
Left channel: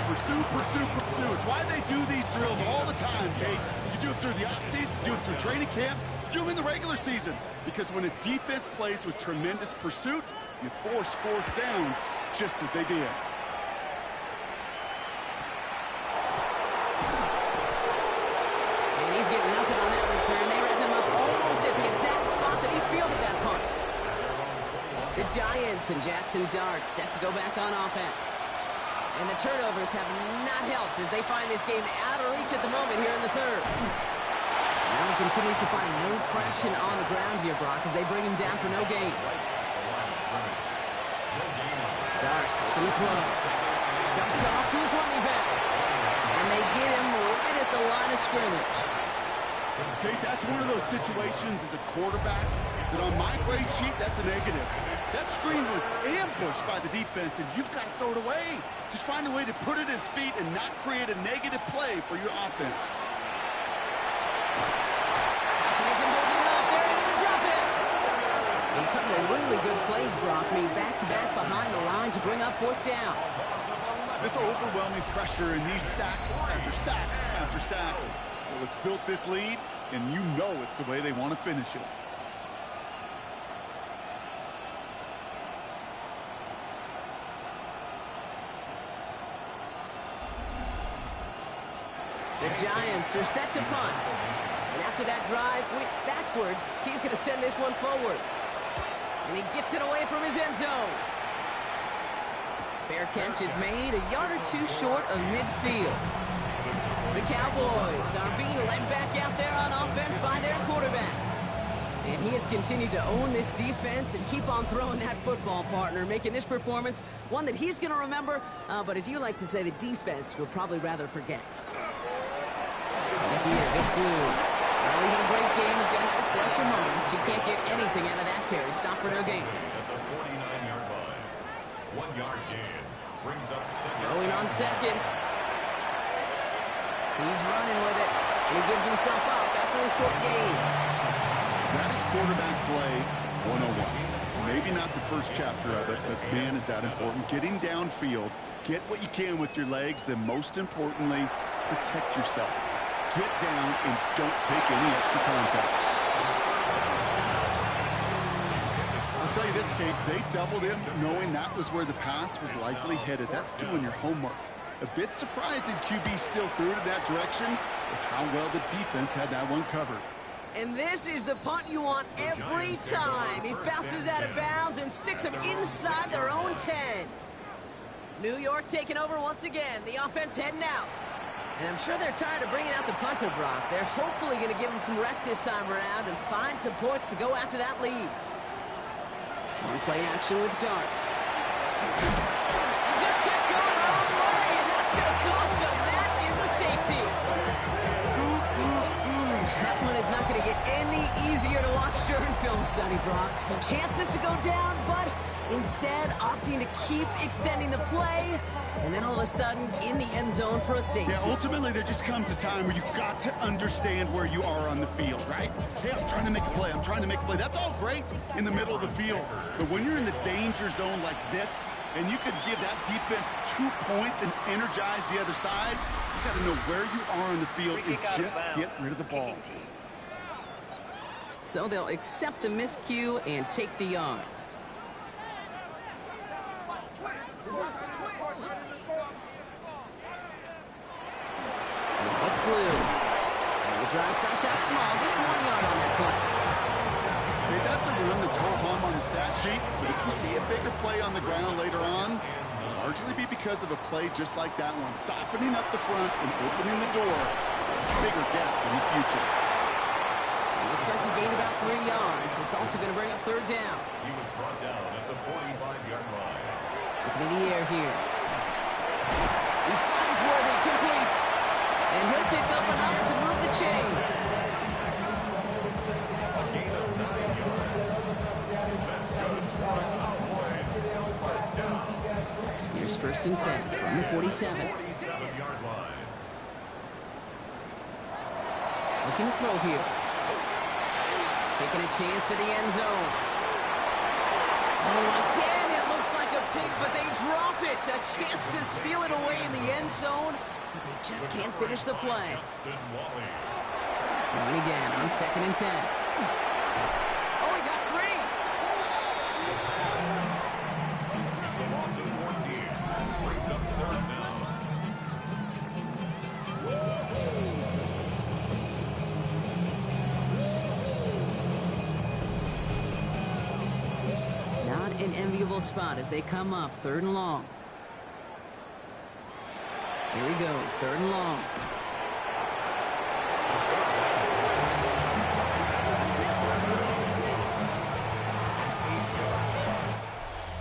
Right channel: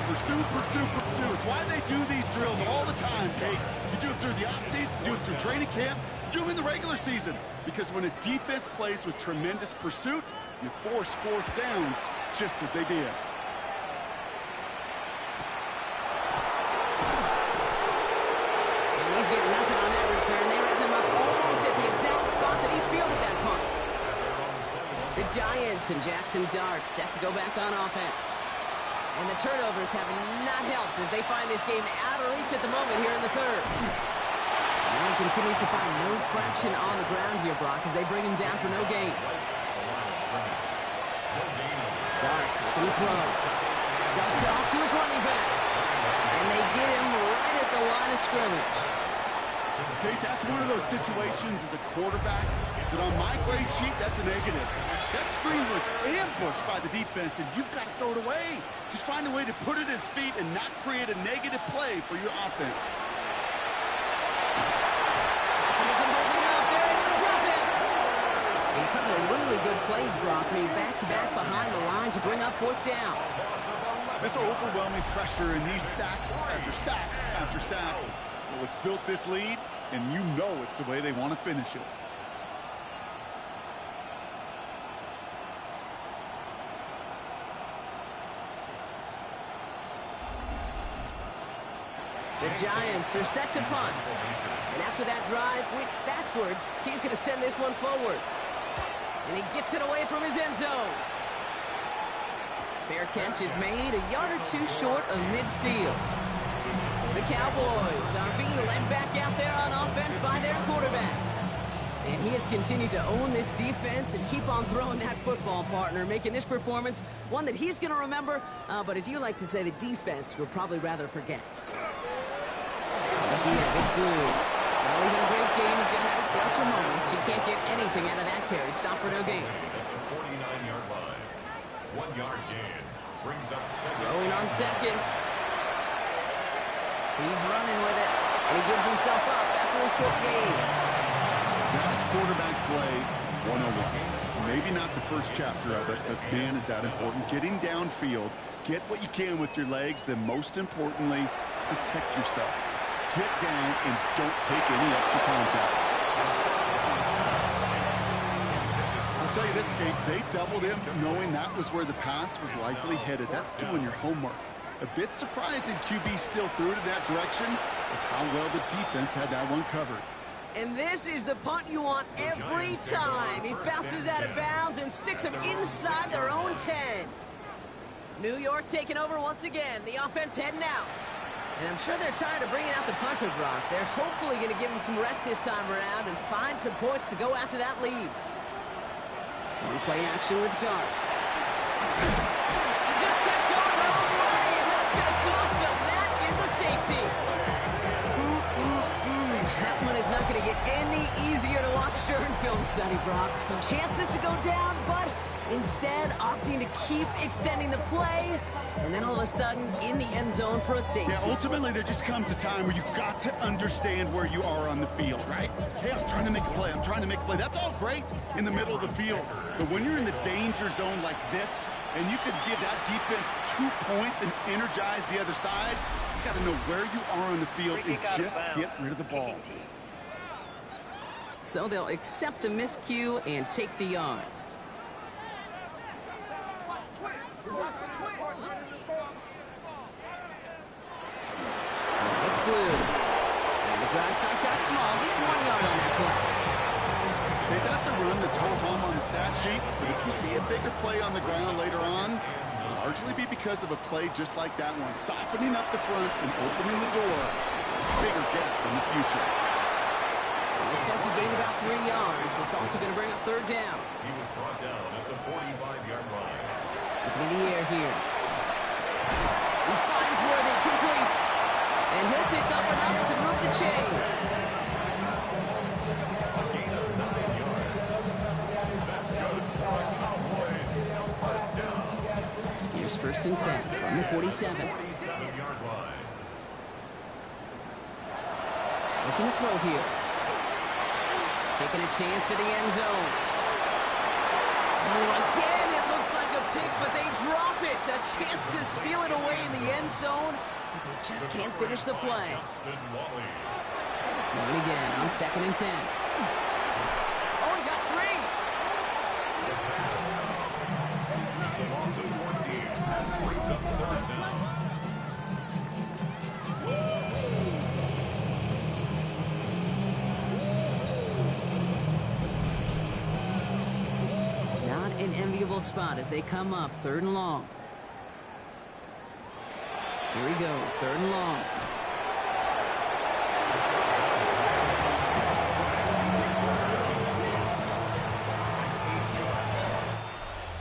Pursue, pursue, pursue. It's why they do these drills all the time, Kate. You do it through the offseason, do it through training camp, you do them in the regular season. Because when a defense plays with tremendous pursuit, you force 4th downs just as they did. And he's getting nothing on that return. They wrap him up almost at the exact spot that he fielded that punt. The Giants and Jackson Dart set to go back on offense. And the turnovers have not helped as they find this game out of reach at the moment here in the 3rd. Now he continues to find no traction on the ground here, Brock, as they bring him down for no gain. Dart looking to throw. Dumped off to his running back. And they get him right at the line of scrimmage. Okay, that's one of those situations as a quarterback that on my grade sheet, that's a negative. That screen was ambushed by the defense, and you've got to throw it away. Just find a way to put it at his feet and not create a negative play for your offense. Mechanism holding up. They're able to drop him. A couple of really good plays, Brock, made back-to-back behind the line to bring up fourth down. This overwhelming pressure and these sacks after sacks after sacks. Well, it's built this lead, and you know it's the way they want to finish it. The Giants are set to punt. And after that drive went backwards, he's going to send this one forward. And he gets it away from his end zone. Fair catch is made, a yard or two short of midfield. The Cowboys are being led back out there on offense by their quarterback. And he has continued to own this defense and keep on throwing that football, partner, making this performance one that he's going to remember, but as you like to say, the defense will probably rather forget. Again, it's Blue. Well, even a great game is going to have its lesser moments. You can't get anything out of that carry. Stop for no gain. At the 49-yard line. 1-yard gain. Brings up second. Throwing on seconds. He's running with it, and he gives himself up after a short gain. That is quarterback play 101. Maybe not the first chapter of it, but man, is that important. Getting downfield, get what you can with your legs, then most importantly, protect yourself. Get down and don't take any extra contact. I'll tell you this, Kate, they doubled him knowing that was where the pass was likely headed. That's doing your homework. A bit surprising QB still threw it in that direction with how well the defense had that one covered. And this is the punt you want every time. He bounces out of bounds and sticks them inside their own 10. New York taking over once again. The offense heading out. And I'm sure they're tired of bringing out the punter, Brock. They're hopefully going to give him some rest this time around and find some points to go after that lead. One play action with Darts. He just kept going the wrong way, and that's going to cost him. That is a safety. That one is not going to get any easier to watch during film study, Brock. Some chances to go down, but instead opting to keep extending the play, and then all of a sudden in the end zone for a safety. Yeah, ultimately there just comes a time where you've got to understand where you are on the field, right? Hey, I'm trying to make a play. I'm trying to make a play. That's all great in the middle of the field. But when you're in the danger zone like this, and you could give that defense 2 points and energize the other side, you got to know where you are on the field and just get rid of the ball. So they'll accept the miscue and take the yards. It's Blue. And the drive starts out small, just 1 yard on that play. Hey, that's a run that's ho-hum on the stat sheet, but if you see a bigger play on the ground later on, it'll largely be because of a play just like that one, softening up the front and opening the door, bigger gap in the future. It looks like he gained about 3 yards. It's also going to bring up third down. He was brought down at the 45-yard line. Looking in the air here. He finds Worthy complete. And he'll pick up enough to move the chains. A gain of 9 yards. That's good for the Cowboys. First down. Here's first and 10 from the 47. 47-yard line. Looking to throw here. Taking a chance to the end zone. Oh, again, it looks like a pick, but they drop it. A chance to steal it away in the end zone, but they just can't finish the play. Throwing again on second and 10. Oh, he got 3. It's a loss of 14. Brings up third down. Not an enviable spot as they come up third and long. Here he goes, third and long.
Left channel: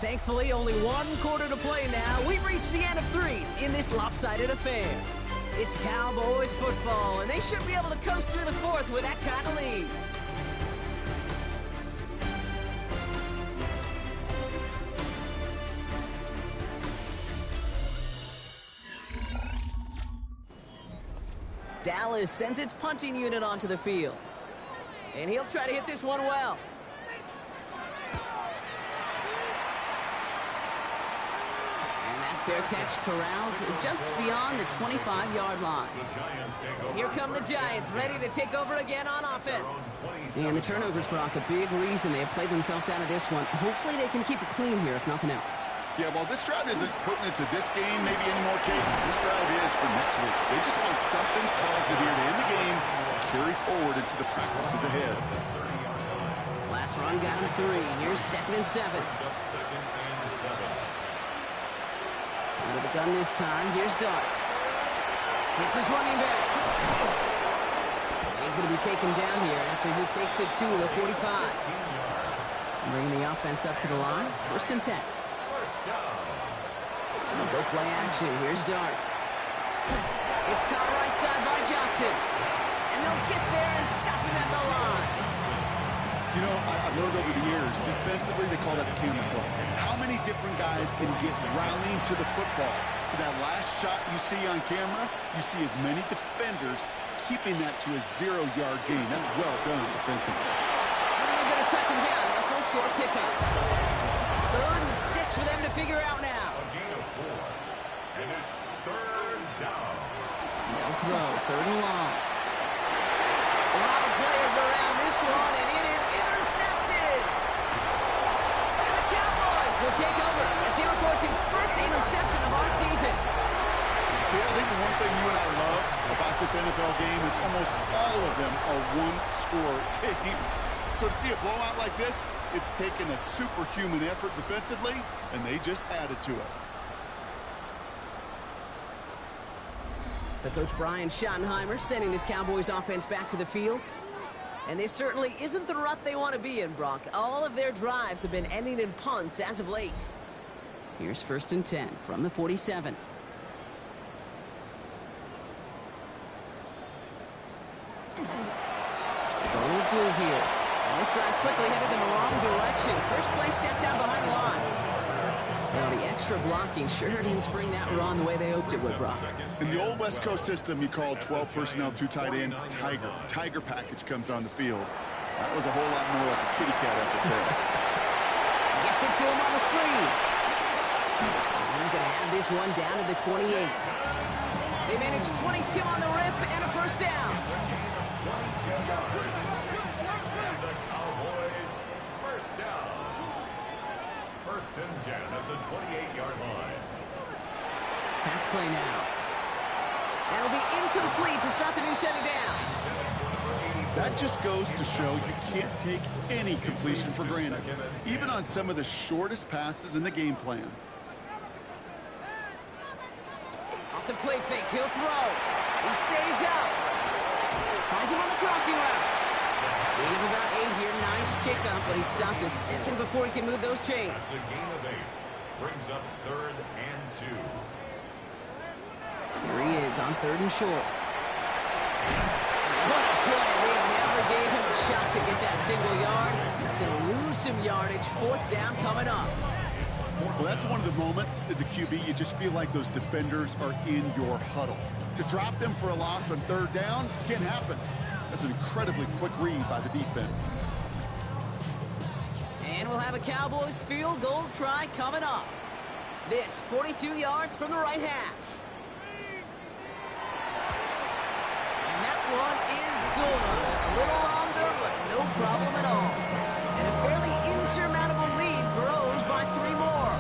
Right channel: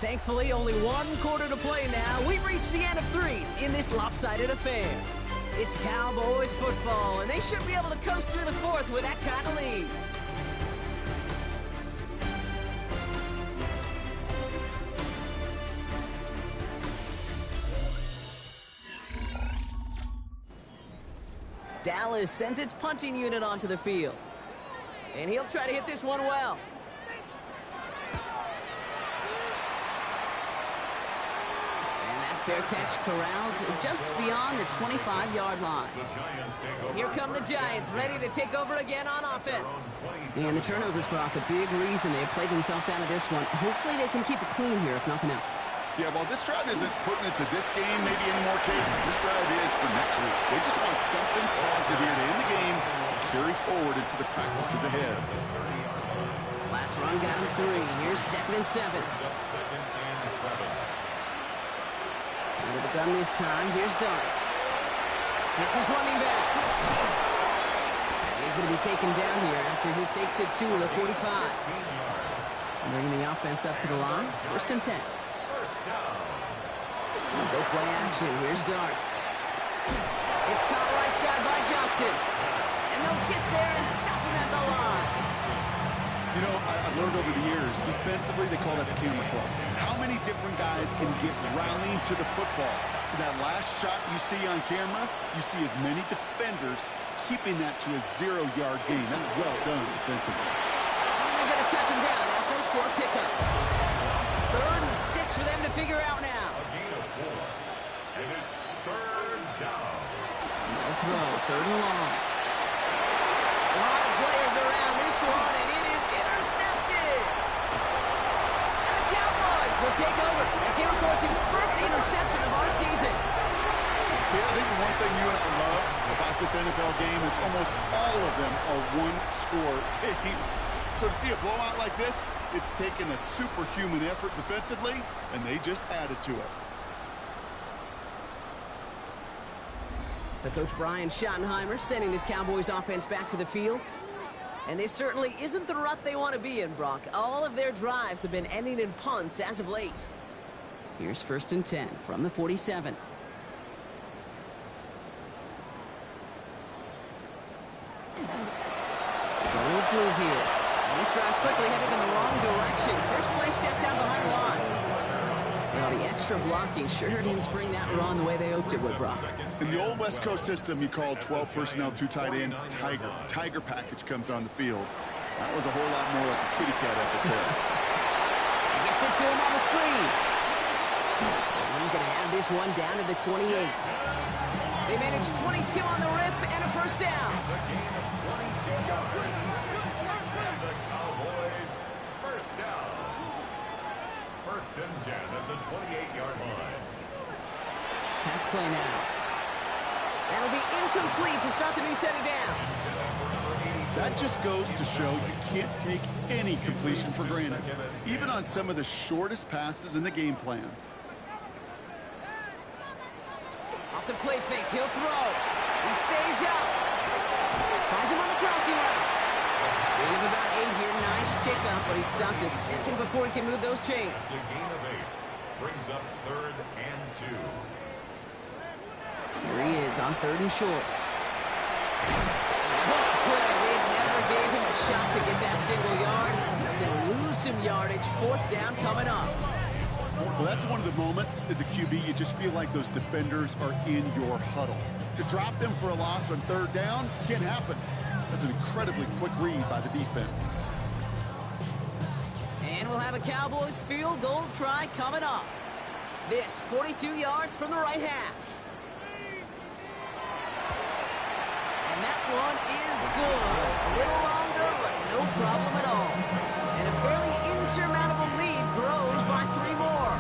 Thankfully, only 1 quarter to play now. We've reached the end of 3 in this lopsided affair. It's Cowboys football, and they should be able to coast through the 4th with that kind of lead. Dallas sends its punting unit onto the field. And he'll try to hit this one well. Fair catch corralled just beyond the 25-yard line. Here come the Giants, ready to take over again on offense. And the turnovers, Brock, a big reason they have played themselves out of this one. Hopefully they can keep it clean here, if nothing else. Yeah, well, this drive isn't putting it to this game maybe anymore, Kate. This drive is for next week. They just want something positive here to end the game and carry forward into the practices ahead. Last run got him 3. Here's 2nd and 7. Out of the gun this time. Here's Dart. Hits his running back. He's going to be taken down here after he takes it to the 45. Bringing the offense up to the line. 1st and 10. Go play action. Here's Dart. It's caught right side by Johnson. And they'll get there and stop him at the line. You know, I've learned over the years, defensively, they call that the camera club. How many different guys can get rallying to the football? So that last shot you see on camera, you see as many defenders keeping that to a 0-yard gain. That's well done defensively. And they're going to touch him down after a short pickup. 3rd and 6 for them to figure out now. A gain of 4. And it's 3rd down. No throw, 3rd and long. A lot of players around this one, and it is intercepted. And the Cowboys will take over as he records his first interception of our season. Yeah, I think the one thing you and I love about this NFL game is almost all of them are one-score games. So to see a blowout like this, it's taken a superhuman effort defensively, and they just added to it. So Coach Brian Schottenheimer sending his Cowboys offense back to the field. And this certainly isn't the rut they want to be in, Brock. All of their drives have been ending in punts as of late. Here's 1st and 10 from the 47. Going with blue here. And this drive's quickly headed in the wrong direction. First play set down behind the line. Well, the extra blocking sure didn't spring that run the way they hoped it would, Brock. In the old West Coast system, you called 12 personnel, 2 tight ends, Tiger. Tiger package comes on the field. That was a whole lot more like a kitty cat effort there. Gets it to him on the screen. And he's going to have this one down to the 28. They managed 22 on the rip and a 1st down. It's a gain of 22 yards. And the Cowboys 1st down. 1st and 10 at the 28-yard line. Pass play now. That'll be incomplete to start the new set of downs. That just goes to show you can't take any completion for granted, even on some of the shortest passes in the game plan. Off the play fake, he'll throw. He stays up. Finds him on the crossing route. Gain of about 8 here. Nice pickup, but he stopped a second before he can move those chains. That's a gain of 8. Brings up 3rd and 2. Here he is on 3rd and short. What a play. They never gave him a shot to get that single yard. He's going to lose some yardage. 4th down coming up. Well, that's one of the moments as a QB, you just feel like those defenders are in your huddle. To drop them for a loss on 3rd down can't happen. That's an incredibly quick read by the defense. And we'll have a Cowboys field goal try coming up. This 42 yards from the right hash. And that one is good. A little longer, but no problem at all. And a fairly insurmountable lead grows by 3 more.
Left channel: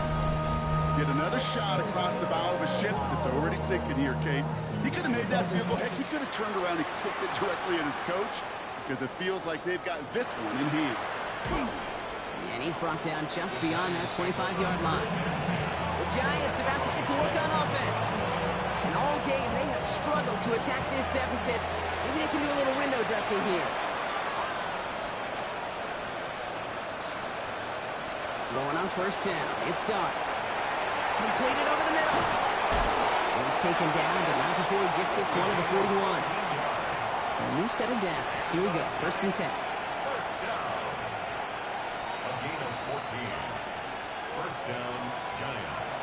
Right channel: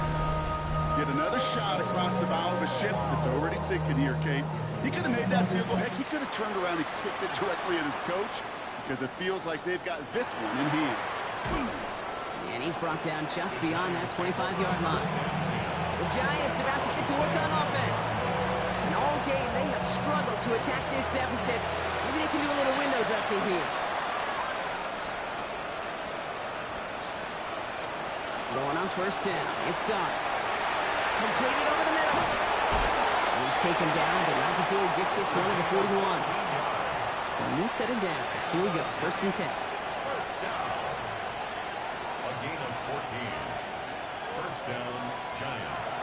Get another shot across the bow of a ship that's already sinking here, Kate. He could have made that field goal. Heck, he could have turned around and kicked it directly at his coach because it feels like they've got this one in hand. And he's brought down just beyond that 25-yard line. The Giants about to get to work on offense. And all game, they have struggled to attack this deficit. Maybe they can do a little window dressing here. Going on 1st down. It's Dart. Completed over the middle. And he's taken down, but not before he gets this one at the 41. So a new set of downs. Here we go. 1st and 10. 1st down. A gain of 14. 1st down, Giants.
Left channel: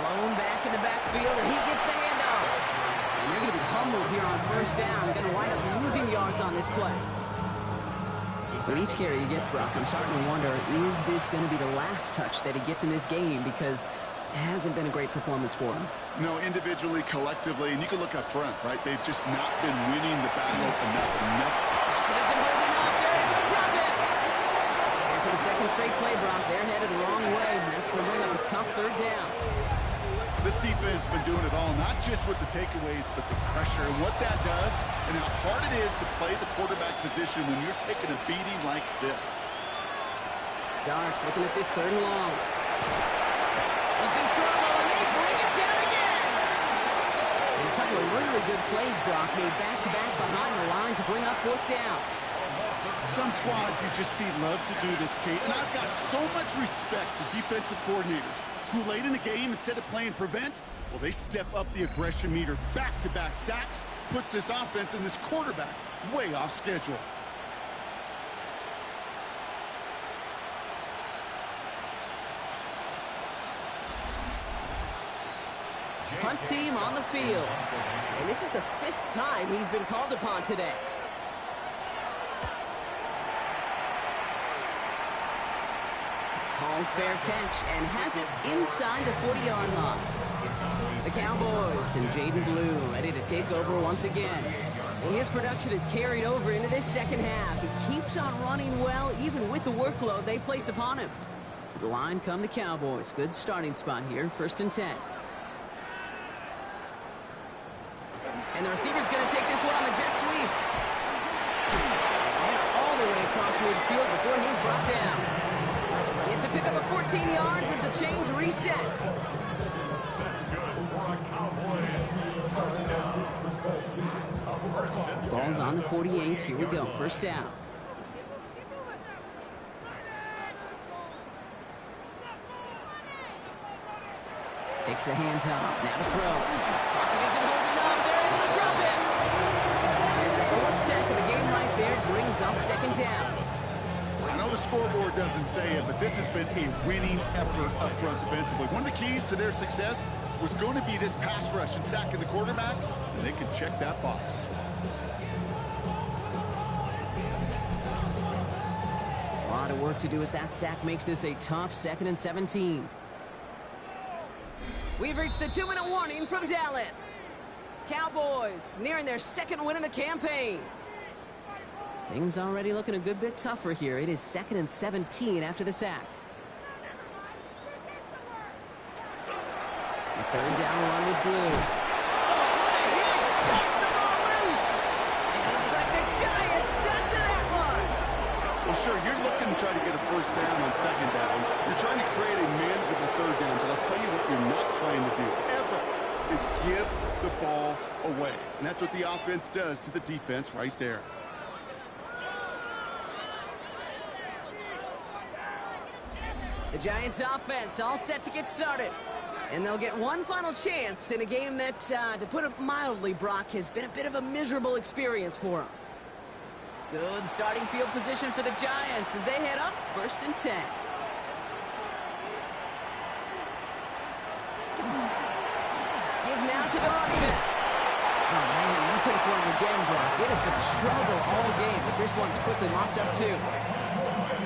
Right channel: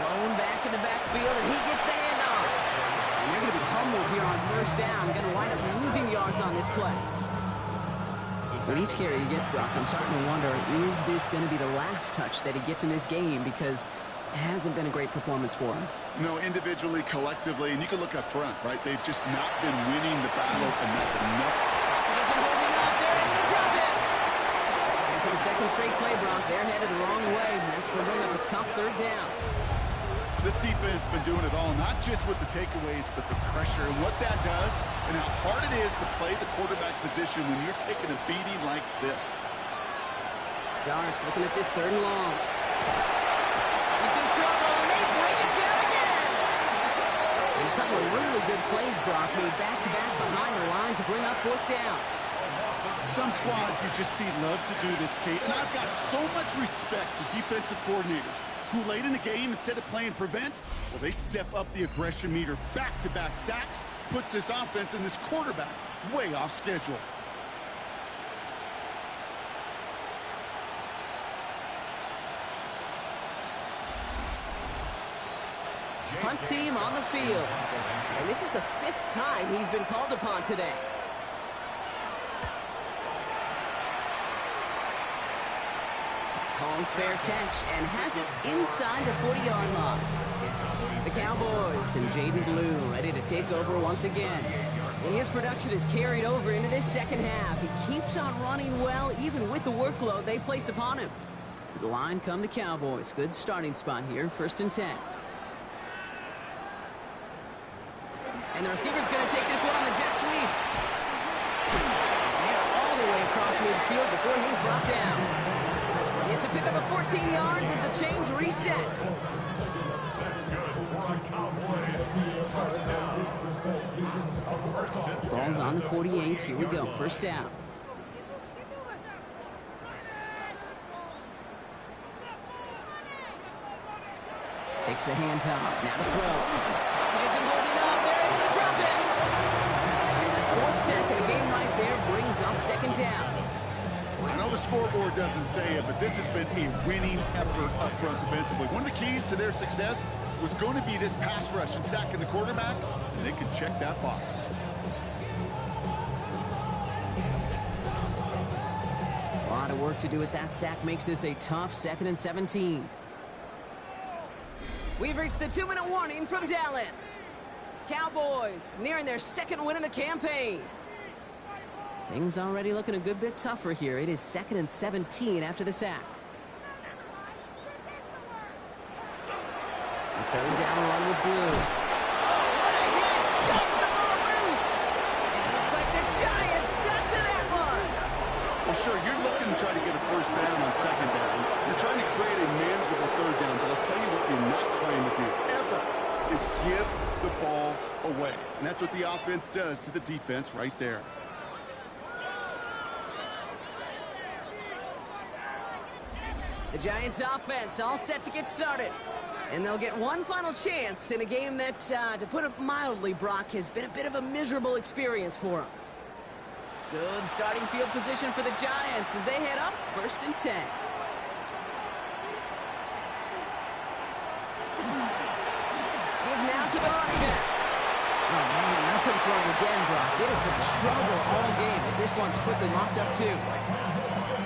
Blown back in the backfield, and he gets the handoff. And they're going to be humbled here on 1st down. Going to wind up losing yards on this play. With each carry he gets, Brock, I'm starting to wonder, is this going to be the last touch that he gets in this game? Because Hasn't been a great performance for him. No, individually, collectively, and you can look up front, right? They've just not been winning the battle enough. Pocket isn't holding up. They're able to drop it. And for the second straight play, Brock, they're headed the wrong way. And that's going to bring up a tough third down. This defense been doing it all, not just with the takeaways, but the pressure and what that does and how hard it is to play the quarterback position when you're taking a beating like this. Darks looking at this third and long. He's in trouble, and they bring it down again. And a couple of really good plays, Brock, made back-to-back behind the line to bring up fourth down. Some squads you just see love to do this, Kate, and I've got so much respect for defensive coordinators who late in the game, instead of playing prevent, well, they step up the aggression meter. Back-to-back sacks puts this offense and this quarterback way off schedule. Punt team on the field. And this is the 5th time he's been called upon today. Calls fair catch and has it inside the 40-yard line. The Cowboys and Jaden Blue ready to take over once again. And his production is carried over into this second half. He keeps on running well, even with the workload they placed upon him. To the line come the Cowboys. Good starting spot here, 1st and 10. And the receiver's going to take this one on the jet sweep. And they're all the way across midfield before he's brought down. It's a pickup of 14 yards as the chains reset. That's good for a Cowboys. First down. First and 10. Ball's on the 48. Here we go. First down. Takes the handoff. Now to throw. Pocket isn't holding up. They're able to drop it. And the 4th sack of the game right there brings up 2nd down. I know the scoreboard doesn't say it, but this has been a winning effort up front defensively. One of the keys to their success was going to be this pass rush and sacking the quarterback, and they can check that box. A lot of work to do as that sack makes this a tough 2nd and 17. We've reached the 2-minute warning from Dallas. Cowboys nearing their 2nd win in the campaign. Things already looking a good bit tougher here. It is 2nd and 17 after the sack. A 3rd down run with Blue. Oh, what a hit! Starts the ball loose! It looks like the Giants got to that one! Well, sure, you're looking to try to get a 1st down on 2nd down. You're trying to create a manageable 3rd down, but I'll tell you what you're not trying to do, ever, is give the ball away. And that's what the offense does to the defense right there. The Giants offense all set to get started. And they'll get one final chance in a game that, to put it mildly, Brock, has been a bit of a miserable experience for them. Good starting field position for the Giants as they head up 1st and 10. Give now to the running back. Oh, man, nothing for him again, Brock. It has been trouble all game as this one's quickly mopped up, too.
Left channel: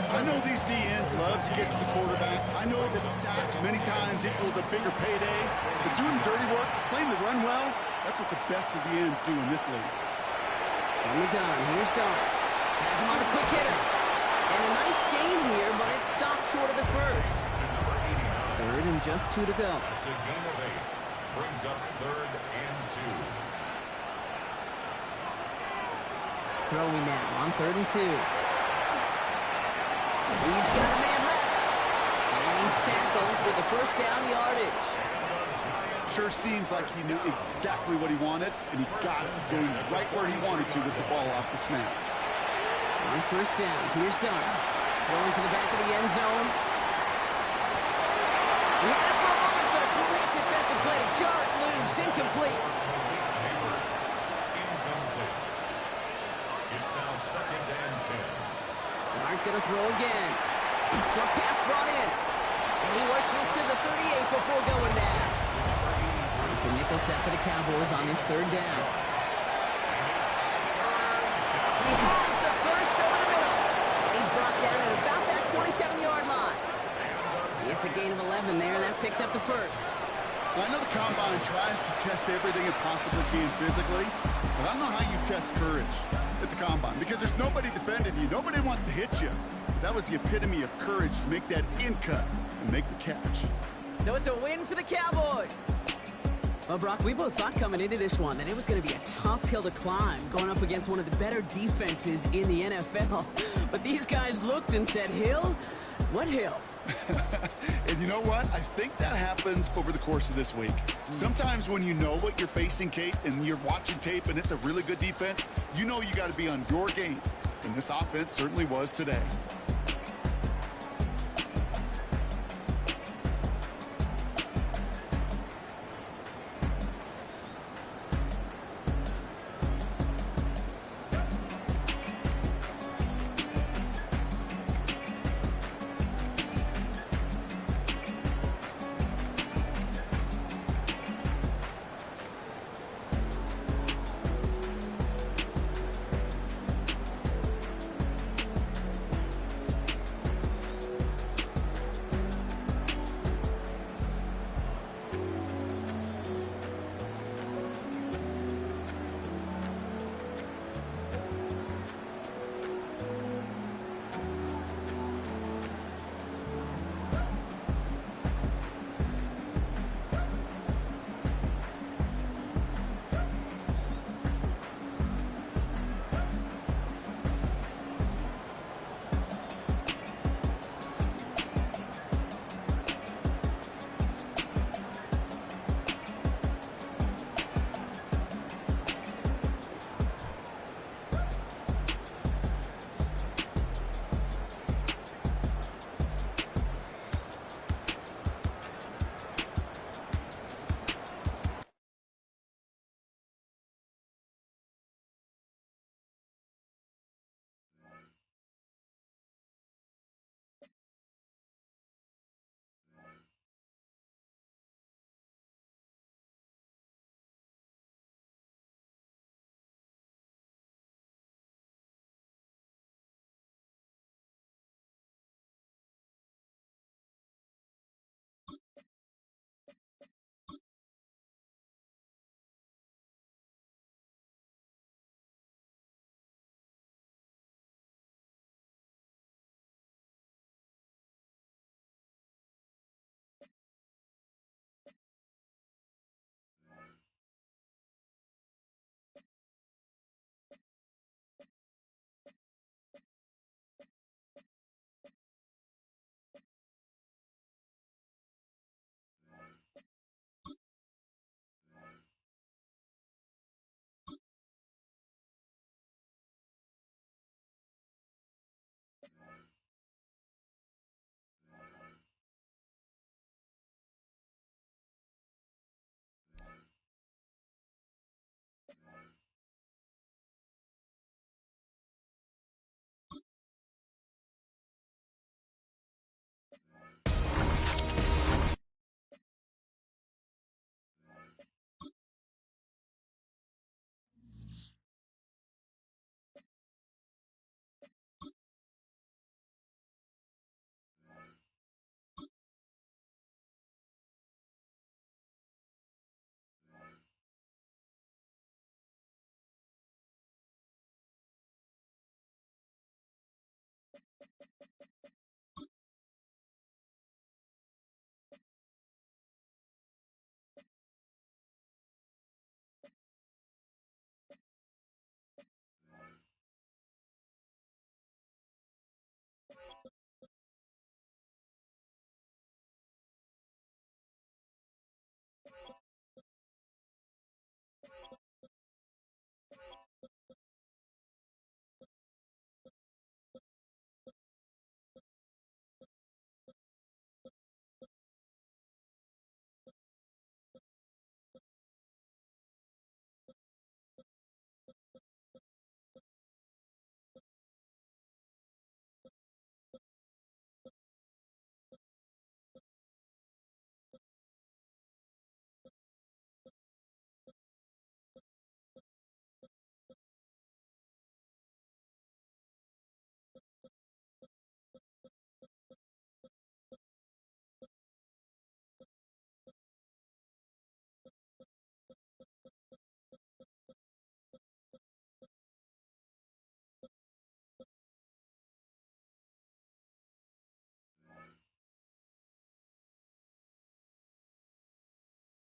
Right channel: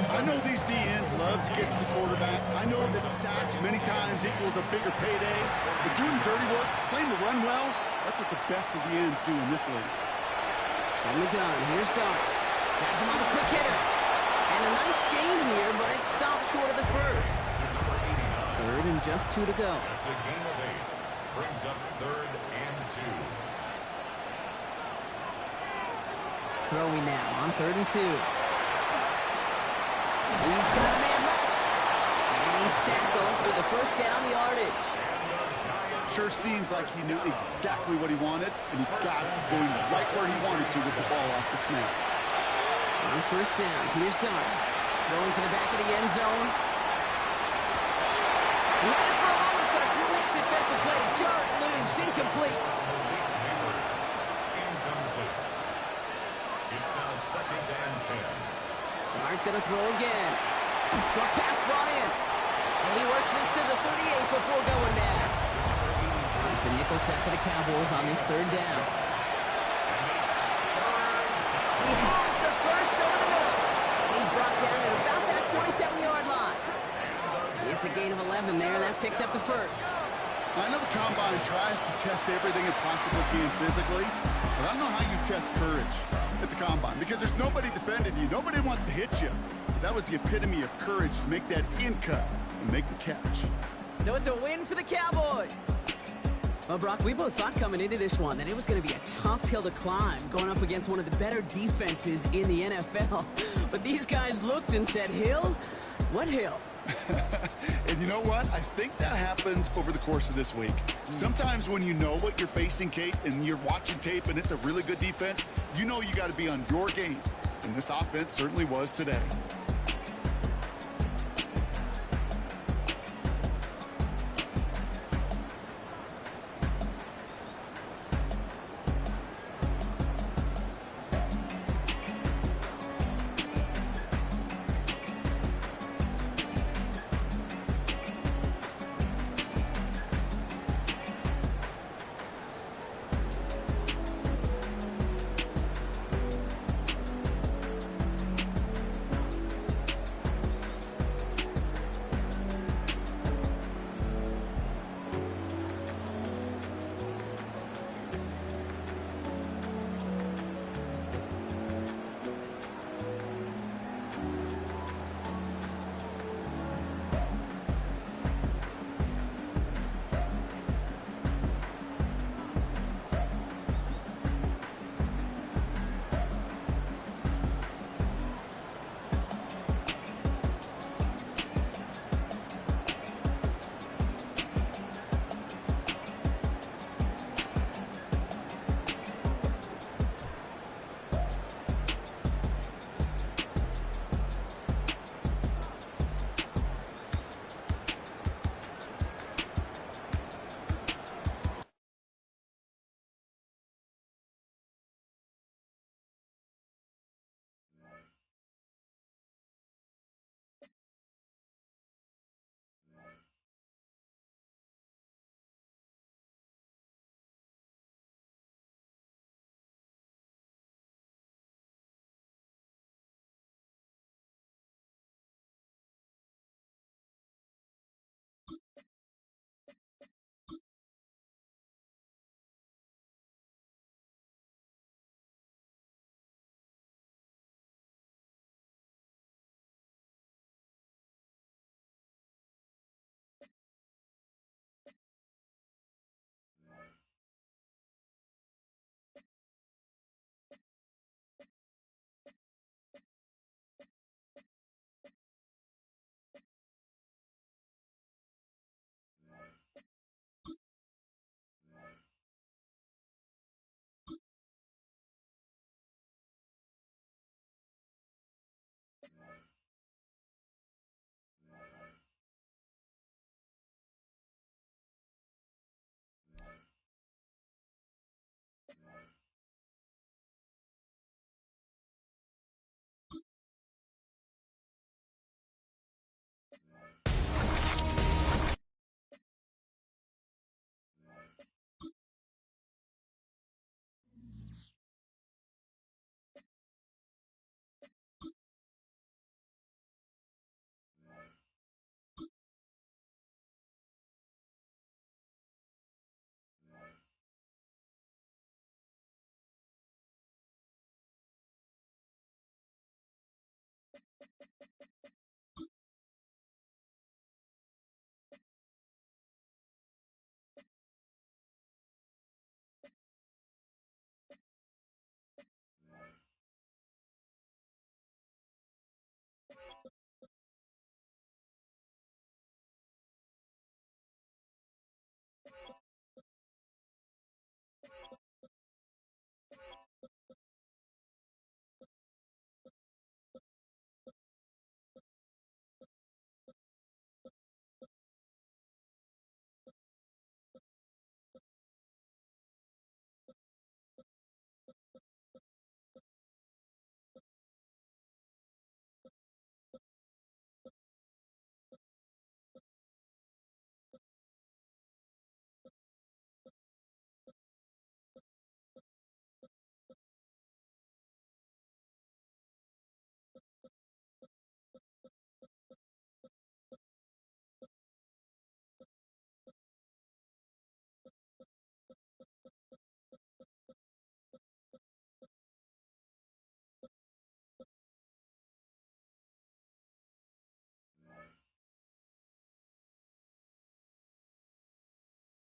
I know these DNs love to get to the quarterback. I know that sacks many times equals a bigger payday. But doing the dirty work, playing the run well, that's what the best of the ends do in this league. From the gun, here's Dart. Has him on the quick hitter. And a nice gain here, but it stopped short of the 1st. 3rd and just 2 to go. That's a gain of 8. Brings up 3rd and 2. Throwing now on 3rd and 2. He's got a man left. And he's tackled with the 1st down yardage. Sure seems like he knew exactly what he wanted, and he got it going right where he wanted to with the ball off the snap. On 1st down, here's Dart. Throwing to the back of the end zone. He had it for a moment, but a great defensive play to jar it loose. Incomplete. Incomplete. It's now 2nd and 10. Dart gonna throw again. Short pass brought in. And he works this to the 38 before going down. It's a nickel set for the Cowboys on this 3rd down. He has the 1st over the middle. And he's brought down at about that 27-yard line. It's a gain of 11 there. That picks up the first. I know the Combine tries to test everything it possibly can physically, but I don't know how you test courage at the Combine because there's nobody defending you. Nobody wants to hit you. That was the epitome of courage to make that in cut and make the catch. So it's a win for the Cowboys. Well, Brock, we both thought coming into this one that it was going to be a tough hill to climb going up against one of the better defenses in the NFL. But these guys looked and said, Hill? What hill? And you know what? I think that happened over the course of this week. Sometimes when you know what you're facing, Kate, and you're watching tape and it's a really good defense, you know you got to be on your game. And this offense certainly was today.